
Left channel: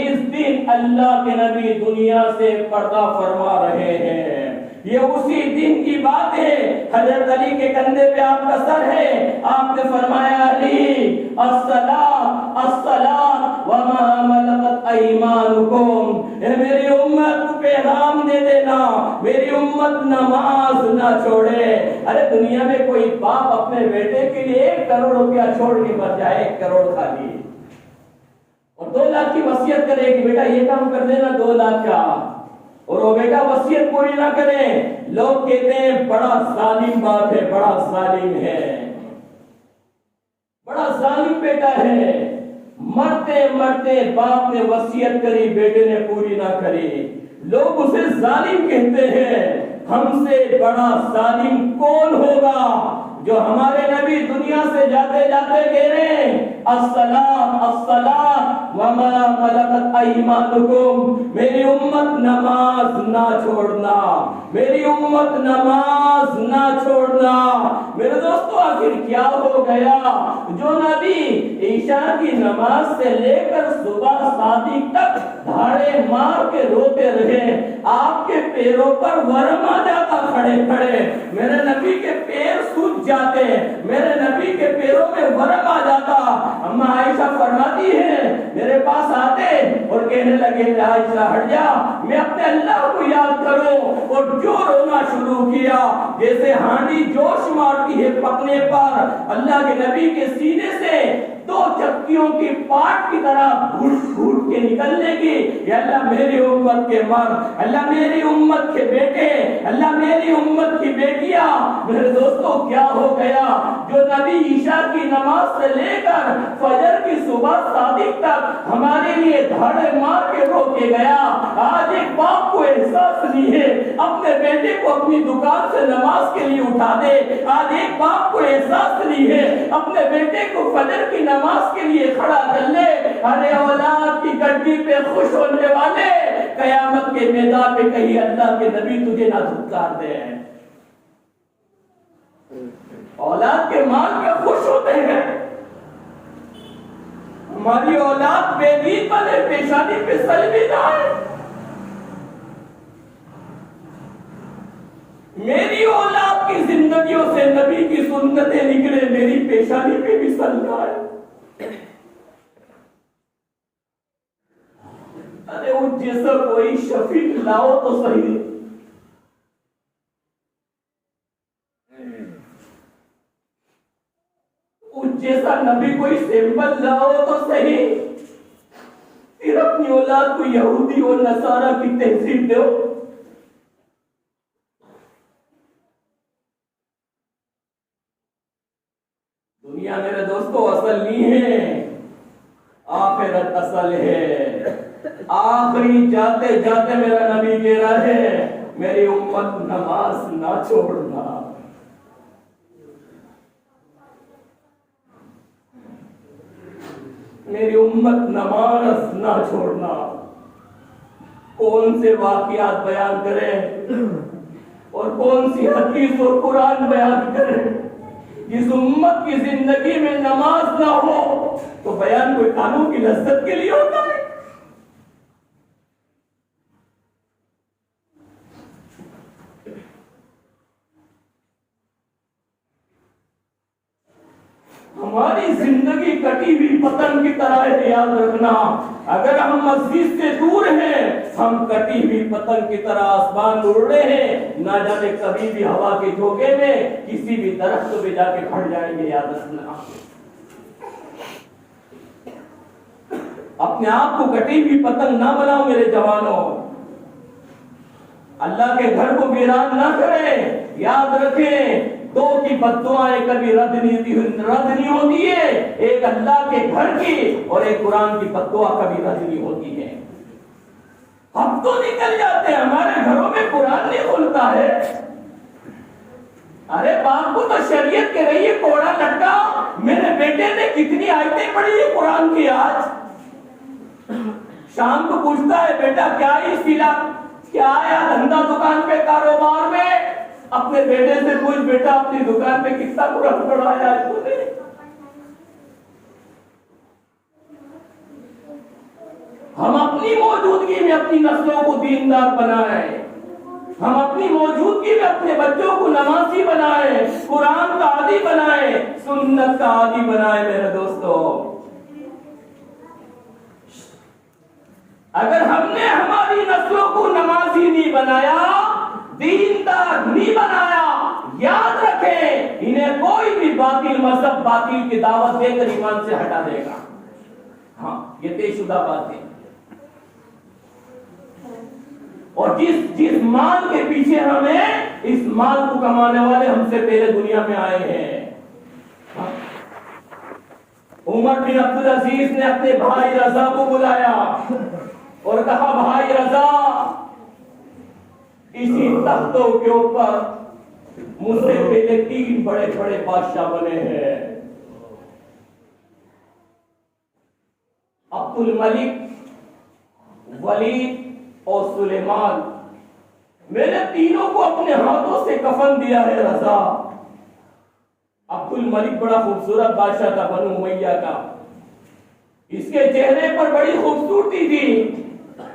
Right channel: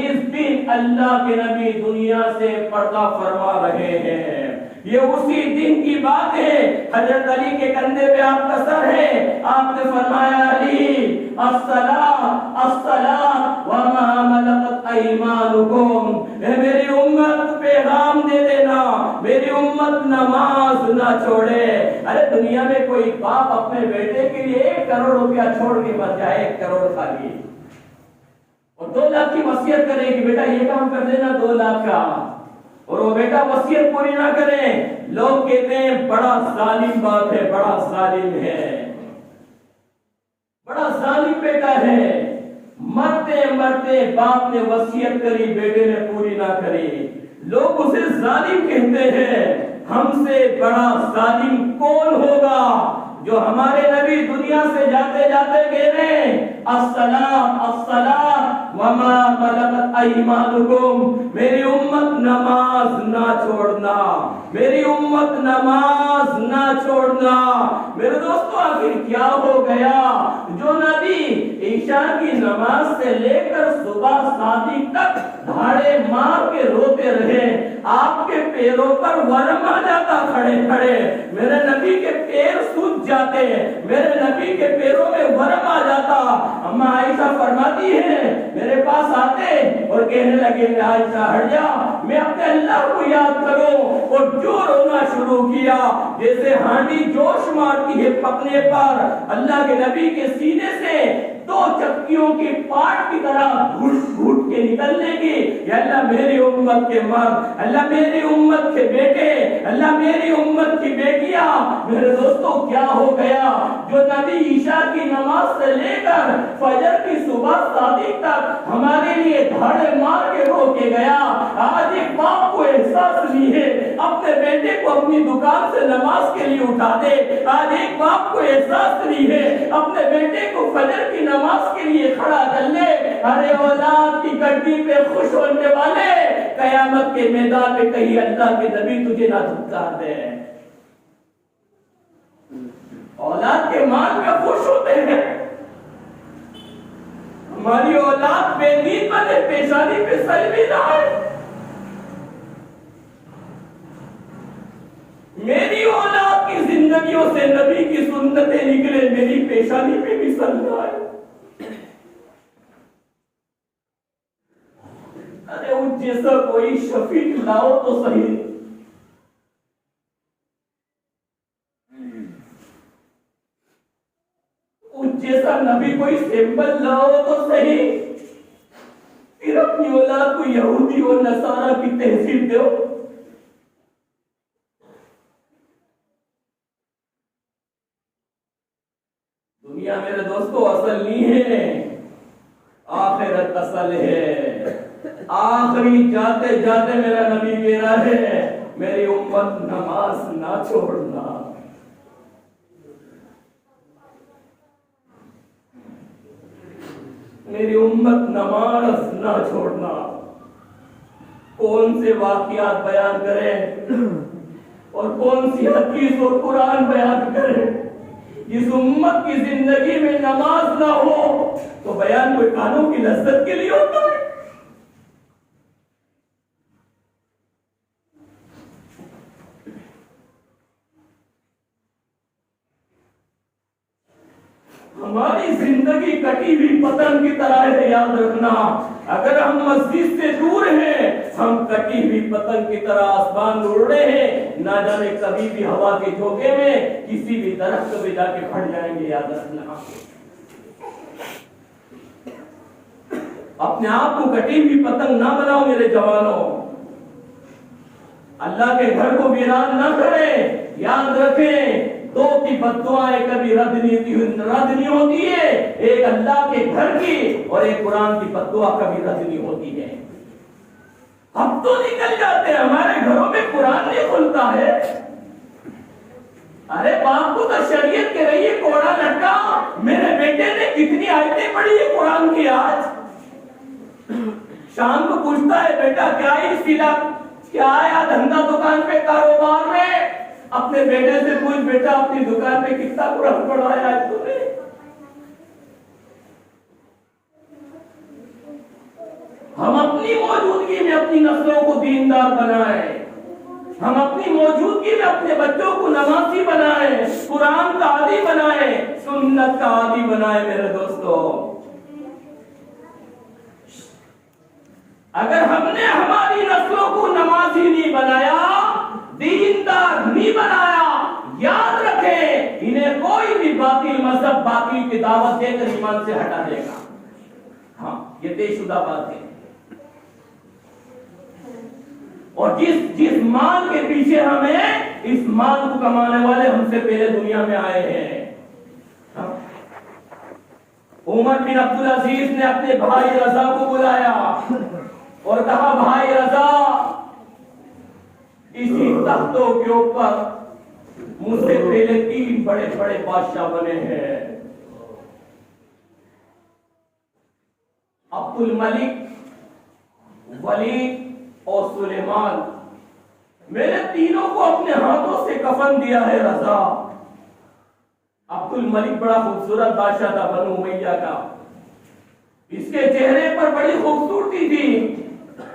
اس دن اللہ کے نبی دنیا سے پردہ فرما رہے ہیں، یہ اسی دن کی بات ہے۔ حضرت علی کے کندھے پہ آپ کا سر ہے، آپ نے فرمایا علی الصلاۃ الصلاۃ وما ملکت ایمانکم، اے میری امت کو پیغام دے دینا میری امت نماز نہ چھوڑے۔ ارے دنیا میں کوئی باپ اپنے بیٹے کے لیے 1 کروڑ روپیہ چھوڑ کے مر جائے، 1 کروڑ خالی، اور 2 لاکھ کی وصیت کرے کہ بیٹا یہ کام کر دینا 2 لاکھ کا، اور وہ بیٹا وصیت پوری نہ کرے، لوگ کہتے ہیں بڑا ظالم بات ہے، بڑا ظالم ہے، بڑا ظالم بیٹا ہے۔ مرتے مرتے باپ نے وصیت کری، بیٹے نے پوری نہ کری، لوگ اسے ظالم کہتے ہیں۔ ہم سے بڑا ظالم کون ہوگا جو ہمارے نبی دنیا سے جاتے جاتے کہہ رہے ہیں الصلاۃ الصلاۃ وما ملکت ایمانکم، میری امت نماز نہ چھوڑنا، میری امت نماز نہ چھوڑنا۔ میرے دوستو آخر کیا ہو گیا جو نبی عشاء کی نماز سے لے کر صبح صادق تک دھاڑے مار کے روتے رہے، آپ کے پیروں پر ورم آ جاتا کھڑے کھڑے، میرے نبی کے پیر سوج جاتے، میرے نبی کے پیروں میں ورم آ جاتا۔ اما عائشہ فرماتی ہے میرے پاس آتے اور کہنے لگے عائشہ ہٹ جا، میں اپنے اللہ کو یاد کروں، اور جو رونا شروع کیا جیسے ہانڈی جوش مارتی ہے پکنے پر، اللہ کے نبی کے سینے سے 2 چکیوں کی پاٹ کی طرح گھٹ گھٹ کے نکلنے کی، یا اللہ میری امت کے مرد، اللہ میری امت کے بیٹے، اللہ میری امت کی بیٹیاں۔ میرے دوستو کیا ہو گیا جو نبی عشاء کی نماز سے لے کر فجر کی صبح صادق تک ہمارے لیے دھاڑے مار کے رو کے گیا، آج ایک باپ کو احساس نہیں ہے اپنے بیٹے کو اپنی دکان سے نماز کے لیے اٹھا دے، آج ایک باپ کو احساس نہیں ہے اپنے بیٹے کو فجر کی نماز کے لیے کھڑا کر لے۔ ارے اولاد کی گڈی پہ خوش ہونے والے، قیامت کے میدان میں کہیں اللہ کے نبی تجھے نہ دھکار دے۔ اولاد کے مال میں خوش ہوتے ہیں، ہماری اولاد بے دین بنے، پیشانی پہ سلوی نہ آئے، میری اولاد کی زندگیوں سے نبی کی سنتیں نکلے، میری پیشانی پہ بھی سلوی آئے۔ ارے اس جیسا کوئی شفیق لاؤ تو صحیح، اس جیسا نبی کوئی سیمپل لاؤ تو صحیح، پھر اپنی اولاد کو یہودی اور نصارہ کی تہذیب دو۔ دنیا میرے دوستو اصل نہیں ہے، آخرت اصل ہے۔ آخری جاتے جاتے میرا نبی کہہ رہا ہے میری امت نماز نہ چھوڑنا، میری امت نماز نہ چھوڑنا۔ کون سے واقعات بیان کریں اور کون سی حدیث اور قرآن بیان کریں، جس امت کی زندگی میں نماز نہ ہو تو بیان کوئی کانوں کی لذت کے لیے ہوتا ہے۔ ہماری زندگی کٹی ہوئی پتنگ کی طرح ہے، یاد رکھنا، اگر ہم مسجد سے دور ہیں ہم کٹی ہوئی پتنگ کی طرح آسمان میں اڑ رہے ہیں، نہ جانے کبھی بھی ہوا کے جھونکے میں کسی بھی درخت پہ جا کے پھٹ جائیں گے، یاد رکھنا۔ اپنے آپ کو کٹی ہوئی پتنگ نہ بناؤ میرے جوانوں، اللہ کے گھر کو ویران نہ کریں۔ یاد رکھیں 2 کی بددعائیں کبھی رد نہیں ہوتی ہے، ایک اللہ کے گھر کی اور ایک قرآن کی بددعا کبھی رد نہیں ہوتی ہے۔ ہم تو نکل جاتے ہیں، ہمارے گھروں میں قرآن نہیں کھلتا ہے۔ ارے باپ کو تو شریعت کہہ رہی ہے کوڑا لٹکا، میرے بیٹے نے کتنی آیتیں پڑھی ہے قرآن کی آج، شام کو پوچھتا ہے بیٹا کیا ہی سلا، کیا آیا دھندا دکان پہ کاروبار میں؟ اپنے بیٹے سے پوچھ بیٹا اپنی دکان پہ کتنا قرآن پڑھایا ہے تو نے؟ ہم اپنی موجودگی میں اپنی نسلوں کو دیندار بنائیں، ہم اپنی موجودگی میں اپنے بچوں کو نمازی بنائیں، قرآن کا عادی بنائیں، سنت کا عادی بنائیں۔ میرے دوستو، اگر ہم نے ہماری نسلوں کو نمازی نہیں بنایا، دیندار نہیں بنایا، یاد رکھیں انہیں کوئی بھی باطل مذہب باطل کی دعوت دے کر ایمان سے ہٹا دے گا۔ ہاں، یہ طے شدہ بات ہے۔ اور جس مال کے پیچھے ہمیں، اس مال کو کمانے والے ہم سے پہلے دنیا میں آئے ہیں۔ عمر بن عبدالعزیز نے اپنے بھائی رضا کو بلایا اور کہا بھائی رضا، اسی تختوں کے اوپر مجھ سے پہلے 3 بڑے بڑے بادشاہ بنے ہیں، عبد الملک، ولید اور سلیمان۔ میں نے تینوں کو اپنے ہاتھوں سے کفن دیا ہے رضا۔ عبد الملک بڑا خوبصورت بادشاہ تھا بنو امیہ کا، اس کے چہرے پر بڑی خوبصورتی تھی،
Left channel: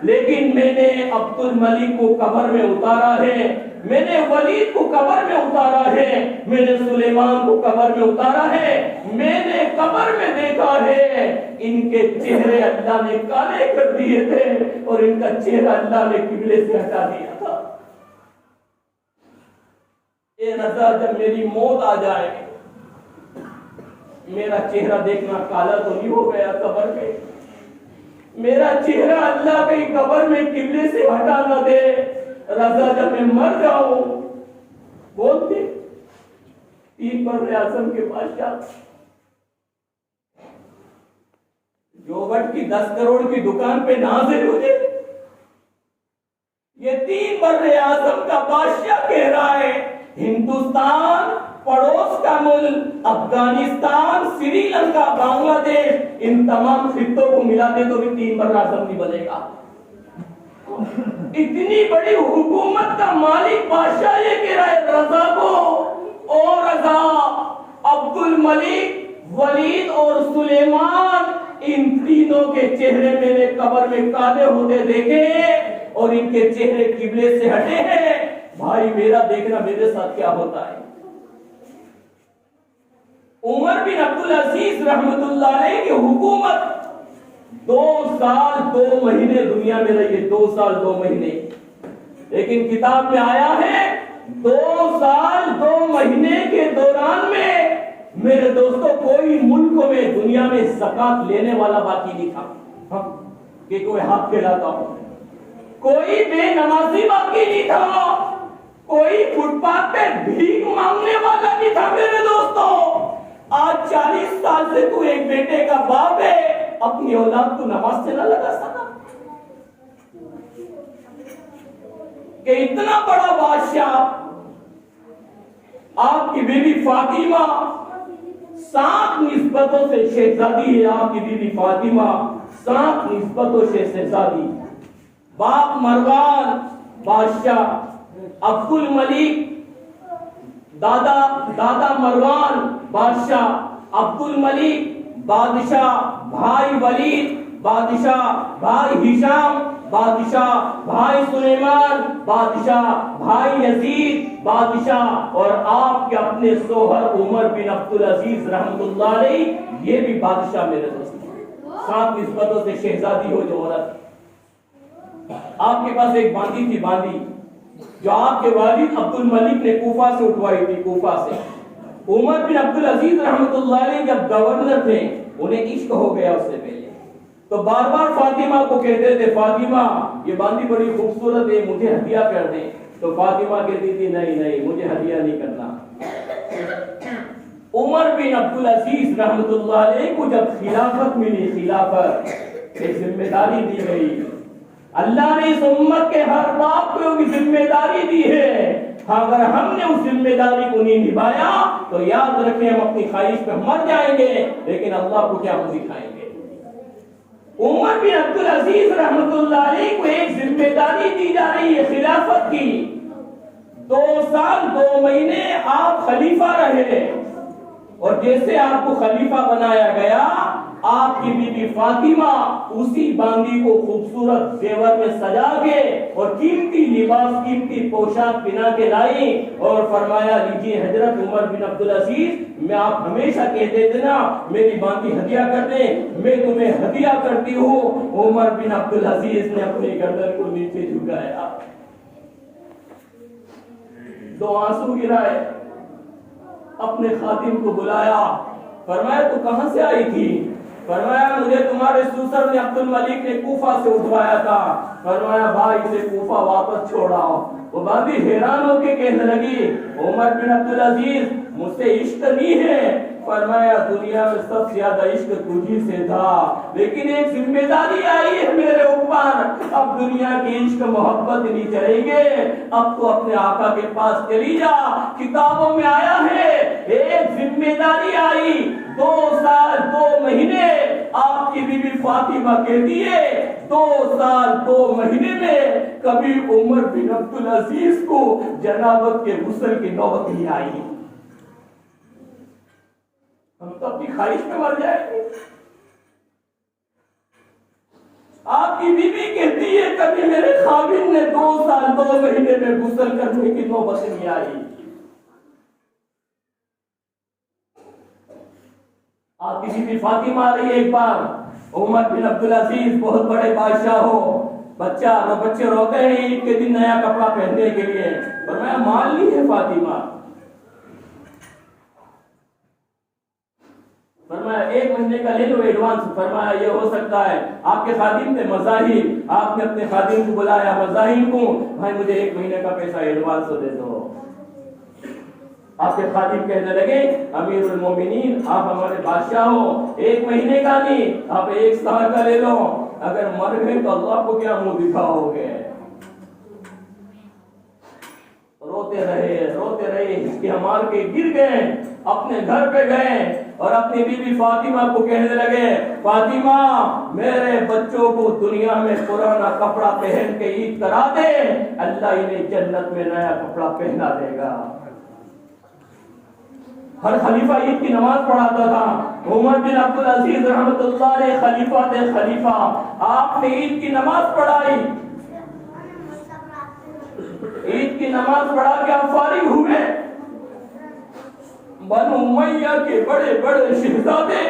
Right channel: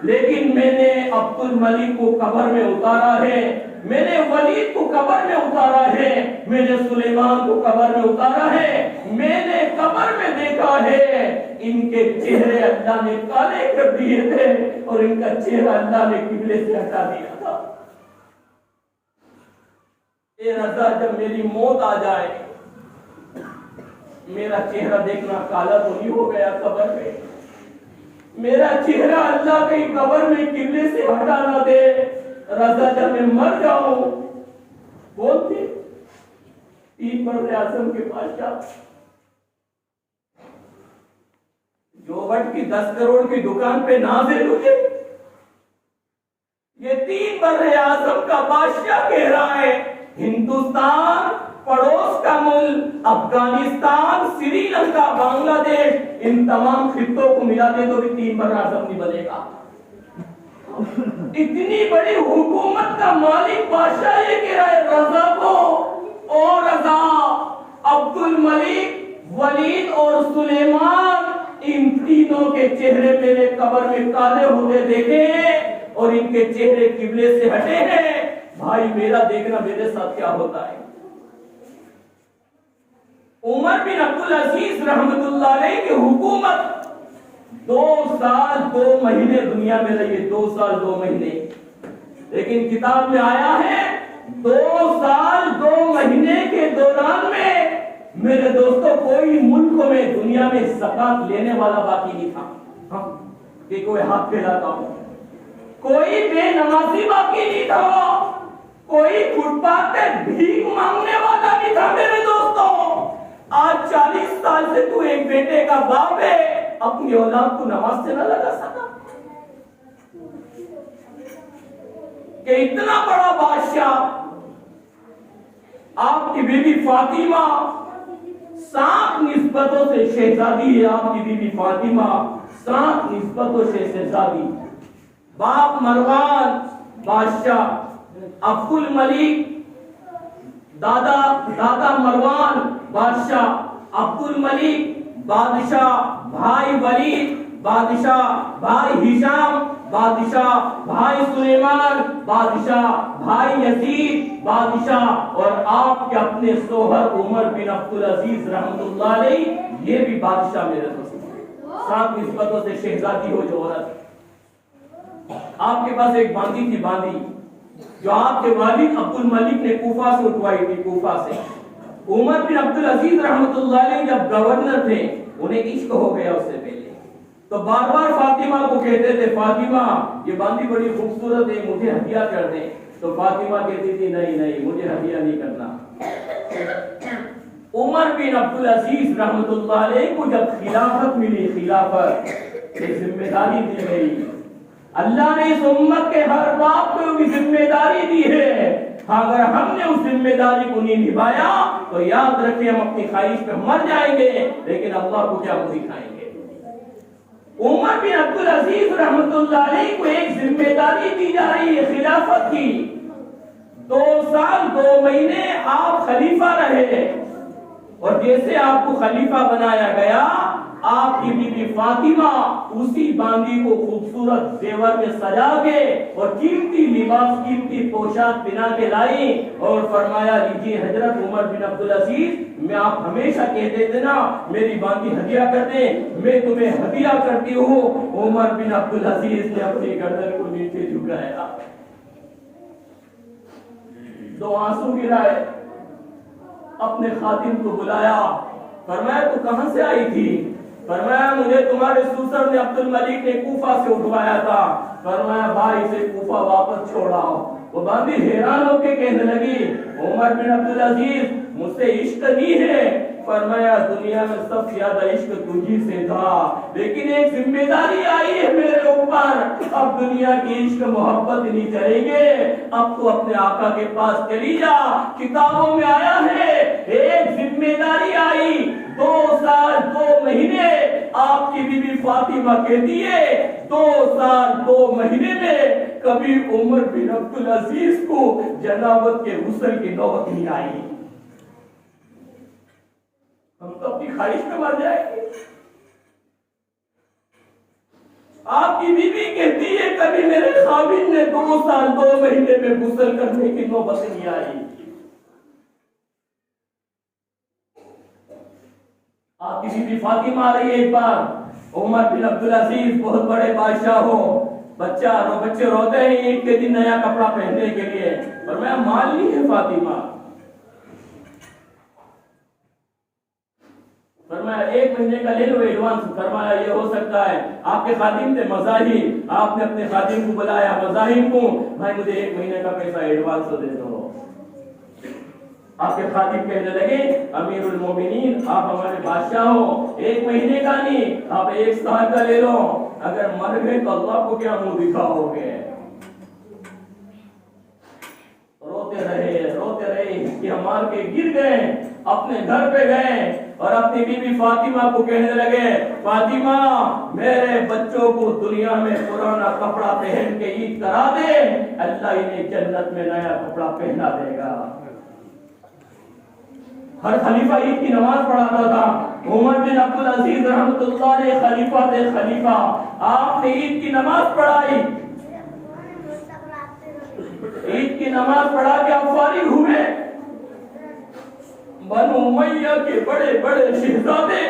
لیکن میں نے عبد الملک کو قبر میں اتارا ہے، میں نے ولید کو قبر میں اتارا ہے، میں نے سلیمان کو قبر میں اتارا ہے۔ میں نے قبر میں دیکھا ہے ان کے چہرے اللہ نے کالے کر دیے تھے اور ان کا چہرہ اللہ نے قبلے سے ہٹا دیا تھا۔ اے رضا، جب میری موت آ جائے میرا چہرہ دیکھنا کالا تو نہیں ہو گیا قبر میں، میرا چہرہ اللہ کی قبر میں قبلے سے ہٹا نہ دے۔ رضا، جب میں مر جاؤں، بولتے 3 بر اعظم کے بادشاہ، جوبٹ کی 10 کروڑ کی دکان پہ نازل ہوئے، یہ 3 بر اعظم کا بادشاہ کہہ رہا ہے ہندوستان، پڑوس کا ملک افغانستان، سری لنکا، بنگلہ دیش، ان تمام خطوں کو ملا دے تو بھی 3 بر اعظم نہیں بنے گا۔ اتنی بڑی حکومت کا مالک بادشاہ یہ کہہ رہا ہے رضا کو، او رضا، عبد الملک، ولید اور سلیمان، ان تینوں کے چہرے میرے قبر میں کالے ہوتے دیکھے اور ان کے چہرے قبلے سے ہٹے ہیں۔ بھائی میرا دیکھنا میرے ساتھ کیا ہوتا ہے۔ عمر بن عبدالعزیز رحمت اللہ علیہ کی حکومت 2 سال 2 مہینے دنیا میں رہی، 2 سال 2 مہینے، لیکن کتاب میں آیا ہے 2 سال 2 مہینے کے دوران میں میرے دوستوں کوئی ملک میں دنیا میں زکات لینے والا باقی نہیں تھا کہ کوئی ہاتھ پھیلاتا ہو، کوئی بے نمازی باقی نہیں تھا، کوئی فٹ پاتھ پہ بھیک مانگنے والا نہیں تھا۔ میرے دوستوں، آج 40 سال سے تو ایک بیٹے کا باپ ہے، اپنی اولاد کو نماز سے نہ لگا سکا کہ اتنا بڑا بادشاہ، آپ کی بیوی فاطمہ 7 نسبتوں سے شہزادی ہے، آپ کی بیوی فاطمہ 7 نسبتوں سے شہزادی، باپ مروان بادشاہ، عبد الملک دادا مروان بادشاہ، عبد الملک بادشاہ، بھائی ولید بادشاہ، بھائی ہشام بادشاہ، بھائی سلیمان بادشاہ، بھائی یزید بادشاہ، اور آپ کے اپنے شوہر عمر بن عبدالعزیز رحمت اللہ علیہ یہ بھی بادشاہ۔ میرے دوست، 7 نسبتوں سے شہزادی ہو جو عورت، آپ کے پاس ایک باندی تھی، باندی جو آپ کے والد عبد الملک نے کوفہ سے اٹھوائی تھی، کوفہ سے۔ عمر بن عبدالعزیز رحمت اللہ علیہ جب گورنر تھے، انہیں عشق ہو گیا اس سے پہلے، تو بار بار فاطمہ کو کہتے تھے فاطمہ یہ باندی بڑی خوبصورت ہے، مجھے ہدیہ کر دیں، تو فاطمہ کہتی تھی نہیں مجھے ہدیہ نہیں کرنا۔ عمر بن عبدالعزیز رحمت اللہ علیہ کو جب خلافت ملی، خلافت کی ذمہ داری دی گئی، اللہ نے اس امت کے ہر باپ کو بھی ذمہ داری دی ہے، اگر ہم نے اس ذمہ داری کو نہیں نبھایا تو یاد رکھیں ہم اپنی خواہش پہ مر جائیں گے، لیکن اللہ کو کیا دکھائیں گے۔ عمر بن عبدالعزیز رحمۃ اللہ علیہ کو ایک ذمہ داری دی جا رہی ہے خلافت کی. 2 سال 2 مہینے آپ خلیفہ رہے اور جیسے آپ کو خلیفہ بنایا گیا آپ کی بیوی فاطمہ اسی باندی کو خوبصورت زیور میں سجا کے اور قیمتی لباس قیمتی پوشاک پہنا کے لائی اور فرمایا لیجیے حضرت عمر بن عبدالعزیز میں آپ ہمیشہ کہہ دیتے نا میری باندی ہدیہ کر دیں میں تمہیں ہدیہ کرتی ہوں. عمر بن عبدالعزیز نے اپنی گردن کو نیچے جھکایا 2 آنسو گرائے اپنے خادم کو بلایا فرمایا تو کہاں سے آئی تھی؟ فرمایا مجھے تمہارے سوسر نے عبد الملک نے کوفہ سے اٹھوایا تھا. فرمایا بھائی سے کوفہ واپس چھوڑاؤ. وہ باندھی حیران ہو کے کہنے لگی عمر بن عبدالعزیز مجھ سے عشق نہیں ہے. فرمایا دنیا میں سب سے زیادہ عشق تجھی سے تھا لیکن ایک ذمہ داری آئی ہے میرے اوپر اب دنیا کی عشق محبت نہیں چلیں گے اب تو اپنے آقا کے پاس چلی جا. کتابوں میں آیا ہے ایک ذمہ داری آئی 2 سال 2 مہینے آپ کی بیوی فاطمہ کہتی ہے 2 سال 2 مہینے میں کبھی عمر بن عبدالعزیز کو جنابت کے غسل کی نوبت نہیں آئی. ہم تو اپنی خواہش میں مر جائیں گے. آپ کی بیوی کہتی ہے کبھی میرے خاوند نے 2 سال 2 مہینے میں غسل کرنے کی نوبت نہیں آئی. آپ کی بیوی فاطمہ آ رہی ہے ایک بار عمر بن عبدالعزیز بہت بڑے بادشاہ ہو بچے روتے ہیں عید کے دن نیا کپڑا پہننے کے لیے اور میں مان لی ہے فاطمہ. فرمایا 1 مہینے کا لے لو ایڈوانس. فرمایا یہ ہو سکتا ہے آپ کے خادم تھے مظاہر آپ نے اپنے خادم کو بلایا مظاہر کو بھائی مجھے 1 مہینے کا پیسہ ایڈوانس دے دو. آپ کے خادم کہنے لگے امیر المومنین آپ ہمارے بادشاہ ہو 1 مہینے کا نہیں آپ 1 سال کا لے لو اگر مر گئے تو اللہ کو کیا منہ دکھاؤ گے. روتے رہے اس کے مار کے گر گئے اپنے گھر پہ گئے اور اپنی بیوی فاطمہ کو کہنے لگے فاطمہ میرے بچوں کو دنیا میں پرانا کپڑا پہن کے عید کرا دے اللہ انہیں جنت میں نیا کپڑا پہنا دے گا. ہر خلیفہ عید کی نماز پڑھاتا تھا. عمر بن عبدالعزیز رحمۃ اللہ علیہ خلیفہ تھے خلیفہ آپ نے عید کی نماز پڑھائی. عید کی نماز پڑھا کے آپ فارغ ہوئے. بنو امیہ کے بڑے بڑے شہزادے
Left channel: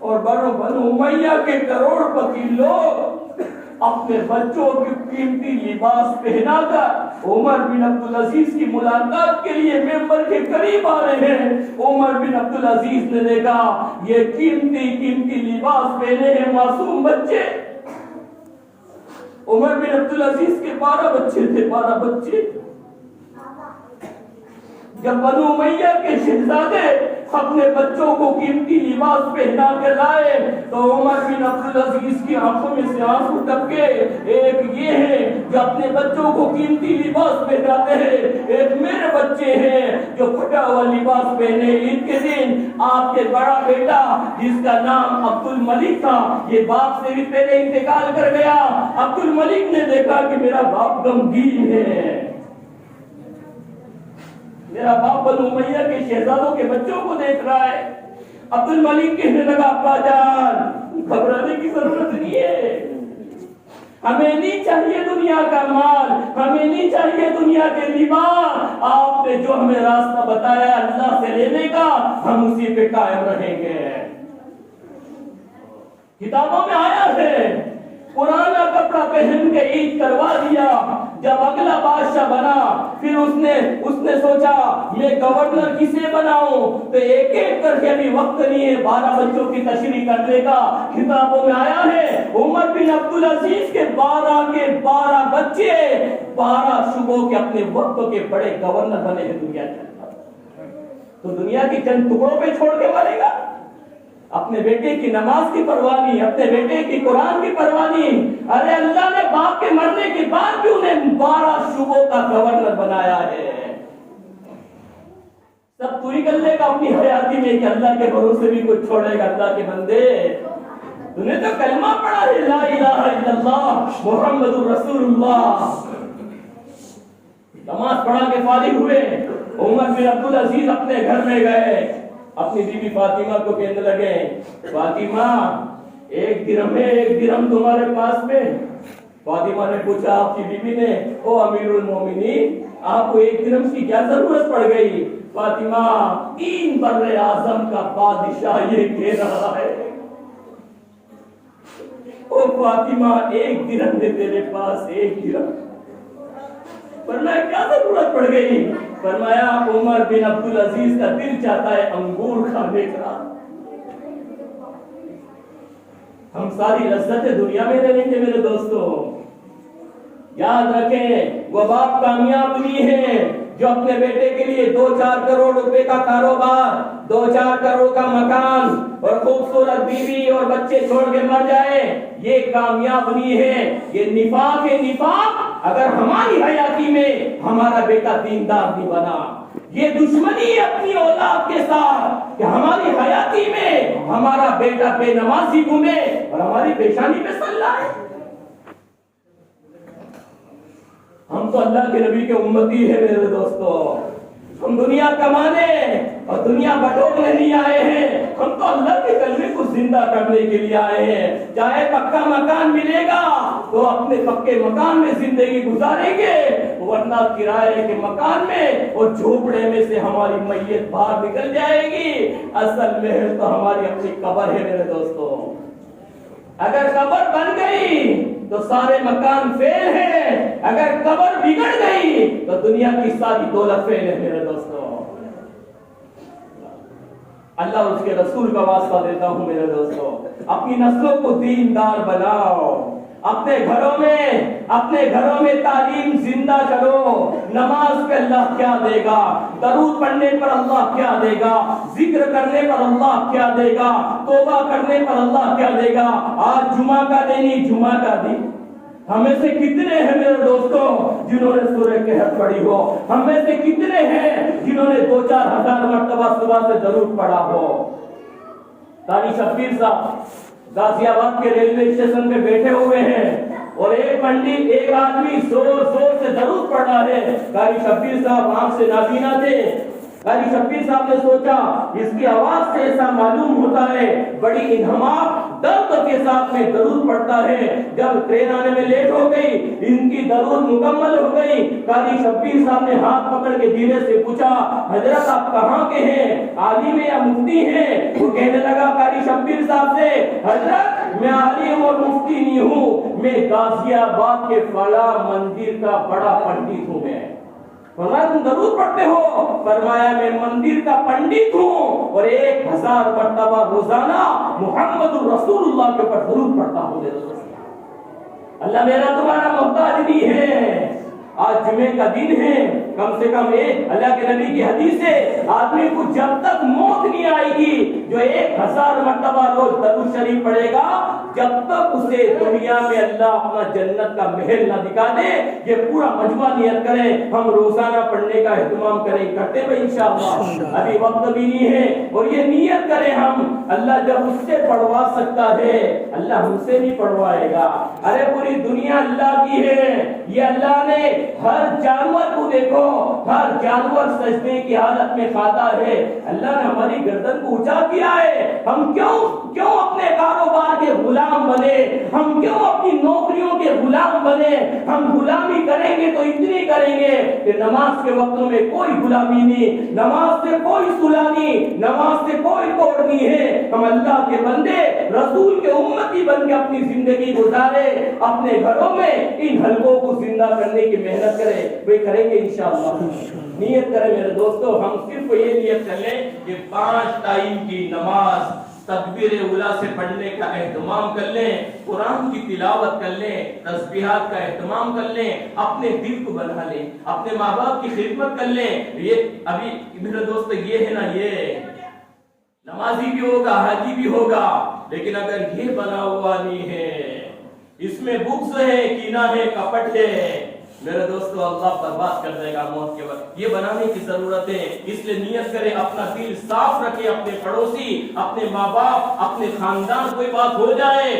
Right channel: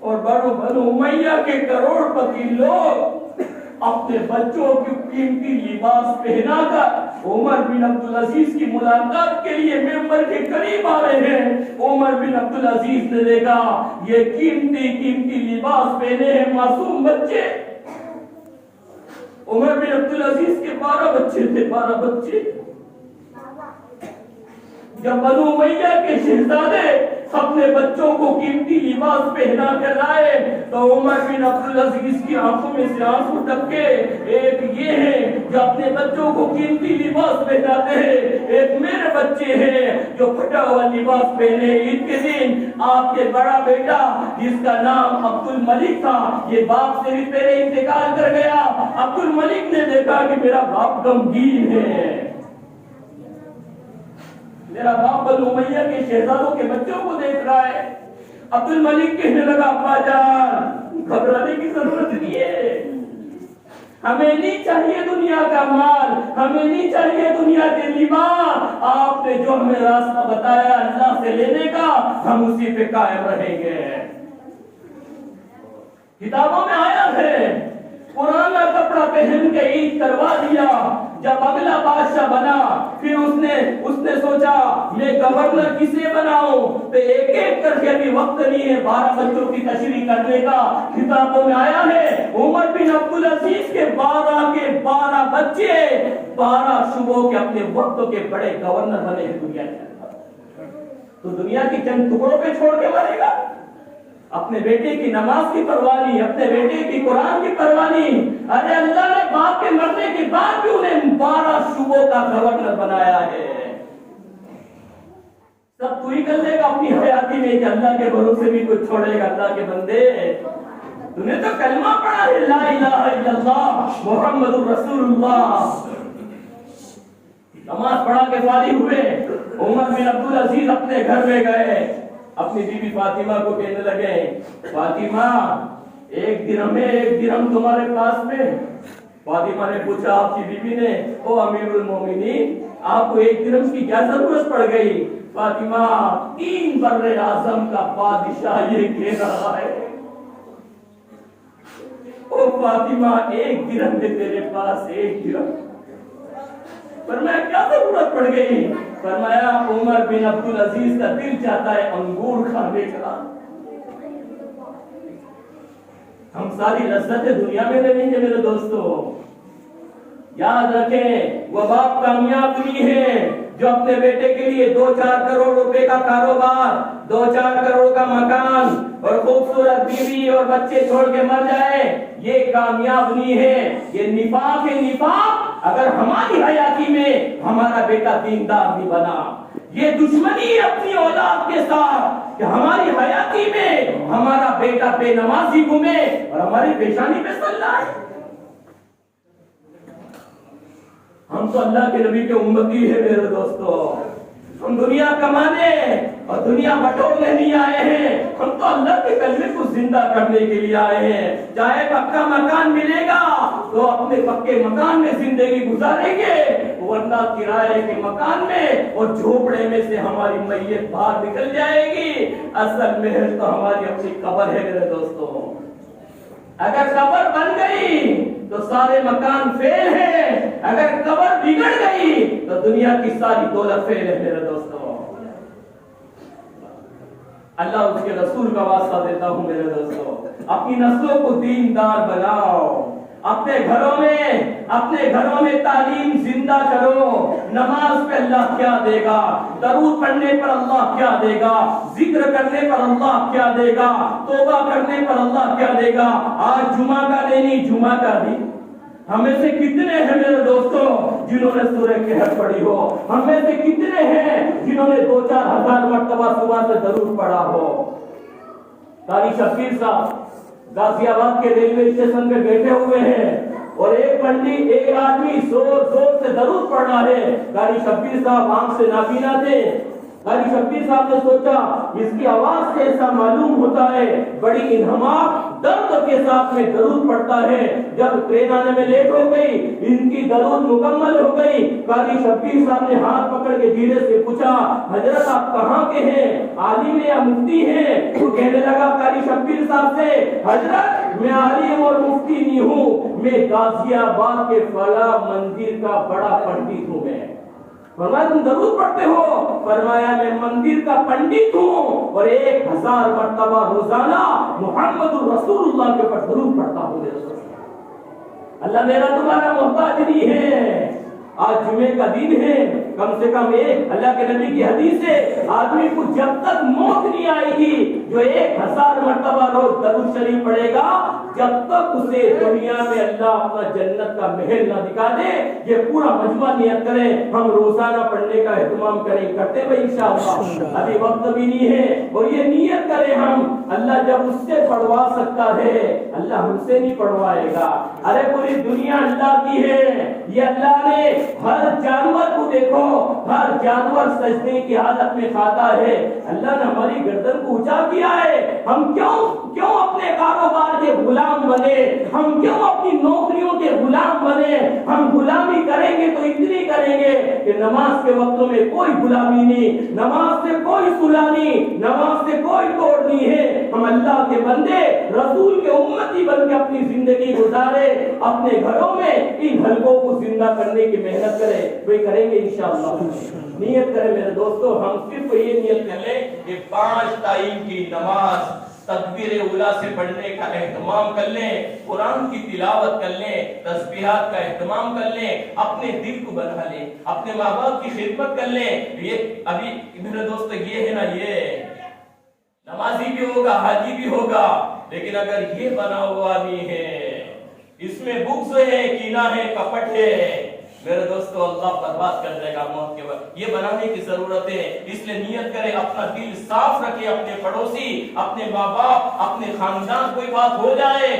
اور بنو امیہ کے کروڑ پتی لوگ اپنے بچوں کی قیمتی لباس پہنا کر عمر بن عبدالعزیز کی ملاقات کے لیے ممبر کے قریب آ رہے ہیں. عمر بن عبدالعزیز نے دیکھا یہ قیمتی لباس پہنے ہیں معصوم بچے. عمر بن عبدالعزیز کے 12 بچے تھے 12 بچے. جب بنو امیہ کے شہزادے اپنے بچوں کو قیمتی لباس پہنا کے لائے تو عمر بن عبدالعزیز کی آنکھوں میں سے آنسو ٹپکے. ایک یہ ہے جو اپنے بچوں کو قیمتی لباس پہناتے ہیں ایک میرے بچے ہیں جو پھٹا ہوا لباس پہنے. عید کے دن آپ کے بڑا بیٹا جس کا نام عبد الملک تھا یہ باپ سے بھی پہلے انتقال کر گیا. عبد الملک نے دیکھا کہ میرا باپ غمگین ہے میرا باپ بنو امیہ کے شہزادوں کے بچوں کو دیکھ رہا ہے. عبد الملک کہنے لگا ابا جان گھبرانے کی ضرورت نہیں ہے ہمیں نہیں چاہیے دنیا کا مال ہمیں نہیں چاہیے دنیا کے لباس. آپ نے جو ہمیں راستہ بتایا اللہ سے لینے کا ہم اسی پہ قائم رہیں گے. کتابوں میں آیا ہے پرانا کپڑا پہن کے عید کروا دیا. جب اگلا بادشاہ بنا پھر اس نے سوچا میں گورنر کسے بناؤں تو ایک کر کے ابھی وقت نہیں ہے 12 بچوں کی تشریح کرنے کا. کتابوں میں آیا ہے عمر بن عبدالعزیز کے 12 بچے 12 صوبوں کے اپنے وقت کے بڑے گورنر بنے ہیں دنیا کے. تو دنیا کی چند ٹکڑوں پہ چھوڑ کے مرے گا. اپنے بیٹے کی نماز کی پرواہ نہیں اپنے بیٹے کی قرآن کی پرواہ نہیں. ارے اللہ نے باپ کے مرنے کے بعد بھی انہیں 12 صوبوں کا گورنر بنایا ہے. سب تو ہی کر لے گا اپنی حیاتی میں کہ اللہ کے بھروسے بھی کچھ چھوڑے گا. اللہ کے بندے تو نے تو کلمہ پڑھا ہے لا الہ الا اللہ محمد الرسول اللہ. نماز پڑھا کے فارغ ہوئے. عمر بن عبدالعزیز اپنے گھر میں گئے, اپنی بیوی فاطمہ کو کہنے لگے, فاطمہ ایک درہم ہے, ایک درہم تمہارے پاس میں؟ فاطمہ نے پوچھا آپ کی بیوی نے, او امیر المومنین آپ کو ایک درہم کی کیا ضرورت پڑ گئی؟ فاطمہ 3 بر اعظم کا بادشاہ یہ کہہ رہا ہے. او فاطمہ ایک درہم ہے تیرے پاس, ایک درہم. فرمایا کیا ضرورت پڑ گئی؟ فرمایا عمر بن عبدالعزیز کا دل چاہتا ہے انگور کھانے کا. ہم ساری لذتیں دنیا میں دے لیں گے میرے دوستو. یاد رکھیں وہ باپ کامیاب ہوئی ہیں جو اپنے بیٹے کے لیے 2-4 کروڑ روپے کا کاروبار, 2-4 کروڑ کا مکان اور خوبصورت بیوی اور بچے چھوڑ کے مر جائے. یہ کامیاب نہیں ہے, یہ نفاق ہے. نفاق اگر ہماری حیاتی میں ہمارا بیٹا دیندار نہیں بنا, یہ دشمنی اپنی اولاد کے ساتھ کہ ہماری حیاتی میں ہمارا بیٹا بے نمازی گھومے اور ہماری پیشانی پہ صلی ہے. ہم تو اللہ کے نبی کے امتی ہیں میرے دوستو. ہم دنیا کمانے اور دنیا بٹورنے نہیں آئے ہیں, ہم تو اللہ کے کلمے کو زندہ کرنے کے لیے آئے ہیں. چاہے پکا مکان ملے گا تو اپنے پکے مکان میں زندگی گزاریں گے, ورنہ کرائے کے مکان میں اور جھوپڑے میں سے ہماری میت باہر نکل جائے گی. اصل محل تو ہماری اپنی قبر ہے میرے دوستو. اگر قبر بن گئی تو سارے مکان فیل ہیں, اگر قبر بگڑ گئی تو دنیا کی ساری دولت فیل ہے میرے دوستو. اللہ اس کے رسول کا واسطہ دیتا ہوں میرے دوستو, اپنی نسلوں کو دیندار بناؤ. اپنے گھروں میں تعلیم زندہ کرو. نماز پہ اللہ کیا دے گا, درود پڑھنے پر اللہ کیا دے گا, ذکر کرنے پر اللہ کیا دے گا, توبہ کرنے پر اللہ کیا دے گا. آج جمعہ کا دن, جمعہ کا دن ہمیں سے کتنے ہیں میرے دوستوں جنہوں نے سورہ کہف پڑھی ہو؟ ہمیں سے کتنے ہیں جنہوں نے 2-4 ہزار مرتبہ صبح سے درود پڑھا ہو؟ قاری شبیر صاحب غازی آباد کے ریلوے اسٹیشن پہ بیٹھے ہوئے ہیں اور ایک آدمی زور سے درود پڑھ رہا ہے. قاری شبیر صاحب آنکھ سے نابینا تھے. قاری شبیر صاحب نے سوچا اس کی آواز سے ایسا معلوم ہوتا ہے بڑی انہماک درد کے ساتھ میں درود پڑھتا ہے. جب ٹرین آنے میں لیٹ ہو گئی, ان کی درود مکمل ہو گئی, قاری شبیر صاحب نے ہاتھ پکڑ کے دھیرے سے پوچھا, حضرت آپ کہاں کے ہیں, عالم یا مفتی ہیں؟ وہ کہنے لگا قاری شبیر صاحب سے, حضرت میں عالم اور مفتی نہیں ہوں, میں غازی آباد کے فلاں مندر کا بڑا پنڈت ہوں. میں فرمایا تم درود پڑھتے ہو؟ فرمایا میں مندر کا پنڈت ہوں اور 1000 مرتبہ روزانہ محمد رسول اللہ کے اوپر درود پڑھتا ہوں. اللہ میرا تمہارا محتاج نہیں ہے. آج جمعے کا دن ہے, کم سے کم اللہ کے نبی کی حدیث ہے, آدمی کو جب تک موت نہیں آئے گی جو 1000 مرتبہ روز درود شریف پڑھے گا, جب تک اسے دنیا میں اللہ اپنا جنت کا محل نہ دکھا دے. یہ پورا مجموعہ نیت کریں, ہم روزانہ پڑھنے کا اہتمام کرتے ہوئے انشاءاللہ. ابھی وقت بھی نہیں ہے اور یہ نیت کریں ہم, اللہ جب اس سے پڑھوا سکتا ہے اللہ ہم سے نہیں پڑھوائے گا. ارے پوری دنیا اللہ کی ہے. یہ اللہ نے ہر جانور کو دیکھو, ہر جانور سجدے کی حالت میں کھاتا ہے. اللہ نے ہماری گردن کو اونچا کیا ہے. ہم کیوں اپنے کاروبار کے غلام بنے, ہم کیوں اپنی نوکریوں کے غلام بنے؟ ہم غلامی کریں گے تو اتنی کریں گے کہ نماز کے وقتوں میں کوئی غلامی نہیں, نماز سے کوئی صلح نہیں, نماز سے کوئی توڑ نہیں ہے. ہم اللہ کے بندے رسول کے امتی بن کے اپنی زندگی گزارے, اپنے گھروں میں ان حلقوں کو زندہ کرنے کی محنت کرے. وہ کریں گے انشاءاللہ. نیت کریں میرے دوستو, ہم صرف یہ نیت کر لیں کہ 5 ٹائم کی نماز تکبیر اولا سے پڑھنے کا اہتمام کر لیں, قرآن کی تلاوت کر لیں, تسبیحات کا اہتمام کر لیں, اپنے دل کو بنا لیں, اپنے ماں باپ کی خدمت کر لیں. یہ ابھی میرے دوست یہ ہے نا, یہ نمازی بھی ہوگا, حاجی بھی ہوگا, لیکن اگر یہ بنا ہوا نہیں ہے, اس میں بغض ہے, کینہ ہے, کپٹ ہے, میرے دوستو اللہ برباد کر دے گا موت کے وقت. یہ بنانے کی ضرورت ہے. اس لیے نیت کرے, اپنا دل صاف رکھے, اپنے پڑوسی, اپنے ماں باپ, اپنے خاندان کوئی بات ہو جائے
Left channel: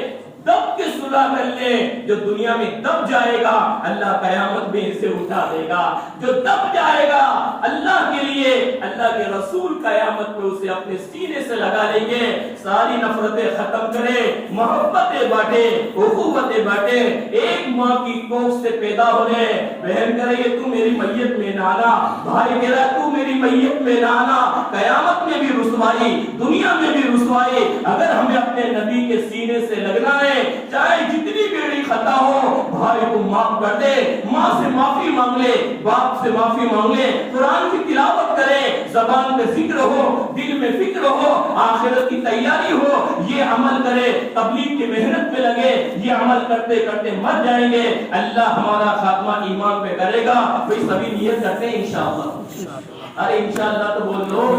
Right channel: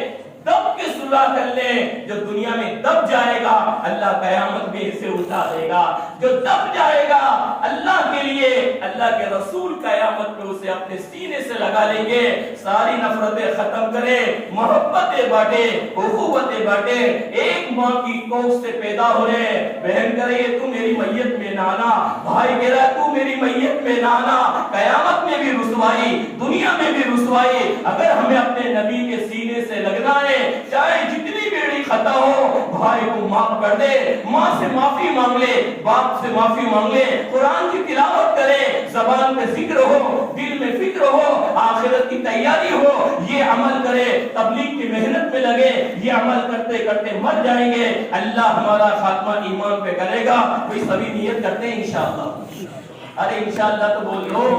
دب کے صلح کر لے. جو دنیا میں دب جائے گا اللہ قیامت میں اسے اٹھا دے گا. جو دب جائے گا اللہ کے لیے, اللہ کے رسول قیامت میں اسے اپنے سینے سے لگا لیں گے. ساری نفرتیں ختم کرے, محبتیں بانٹے, اخوتیں بانٹے. ایک ماں کی کوکھ سے پیدا ہو رہے, بہن کہہ رہی ہے تو میری میت میں نہ آنا, بھائی کہہ رہا ہے تو میری میت میں نہ آنا. قیامت میں بھی رسوائی, دنیا میں بھی رسوائی. اگر ہمیں اپنے نبی کے سینے سے لگنا ہے, چاہے جتنی بڑی خطا ہو, بھائی کو معاف کر دے, ماں سے معافی مانگ لے, باپ سے معافی مانگ لے, قرآن کی تلاوت کرے, زبان میں ذکر ہو, دل میں فکر ہو, آخرت کی تیاری ہو, یہ عمل کرے, تبلیغ کی محنت میں لگے. یہ عمل کرتے کرتے مر جائیں گے, اللہ ہمارا خاتمہ ایمان پہ کرے گا. بھئی سبھی نیت کرتے ہیں انشاءاللہ. ارے انشاءاللہ تو بول لو.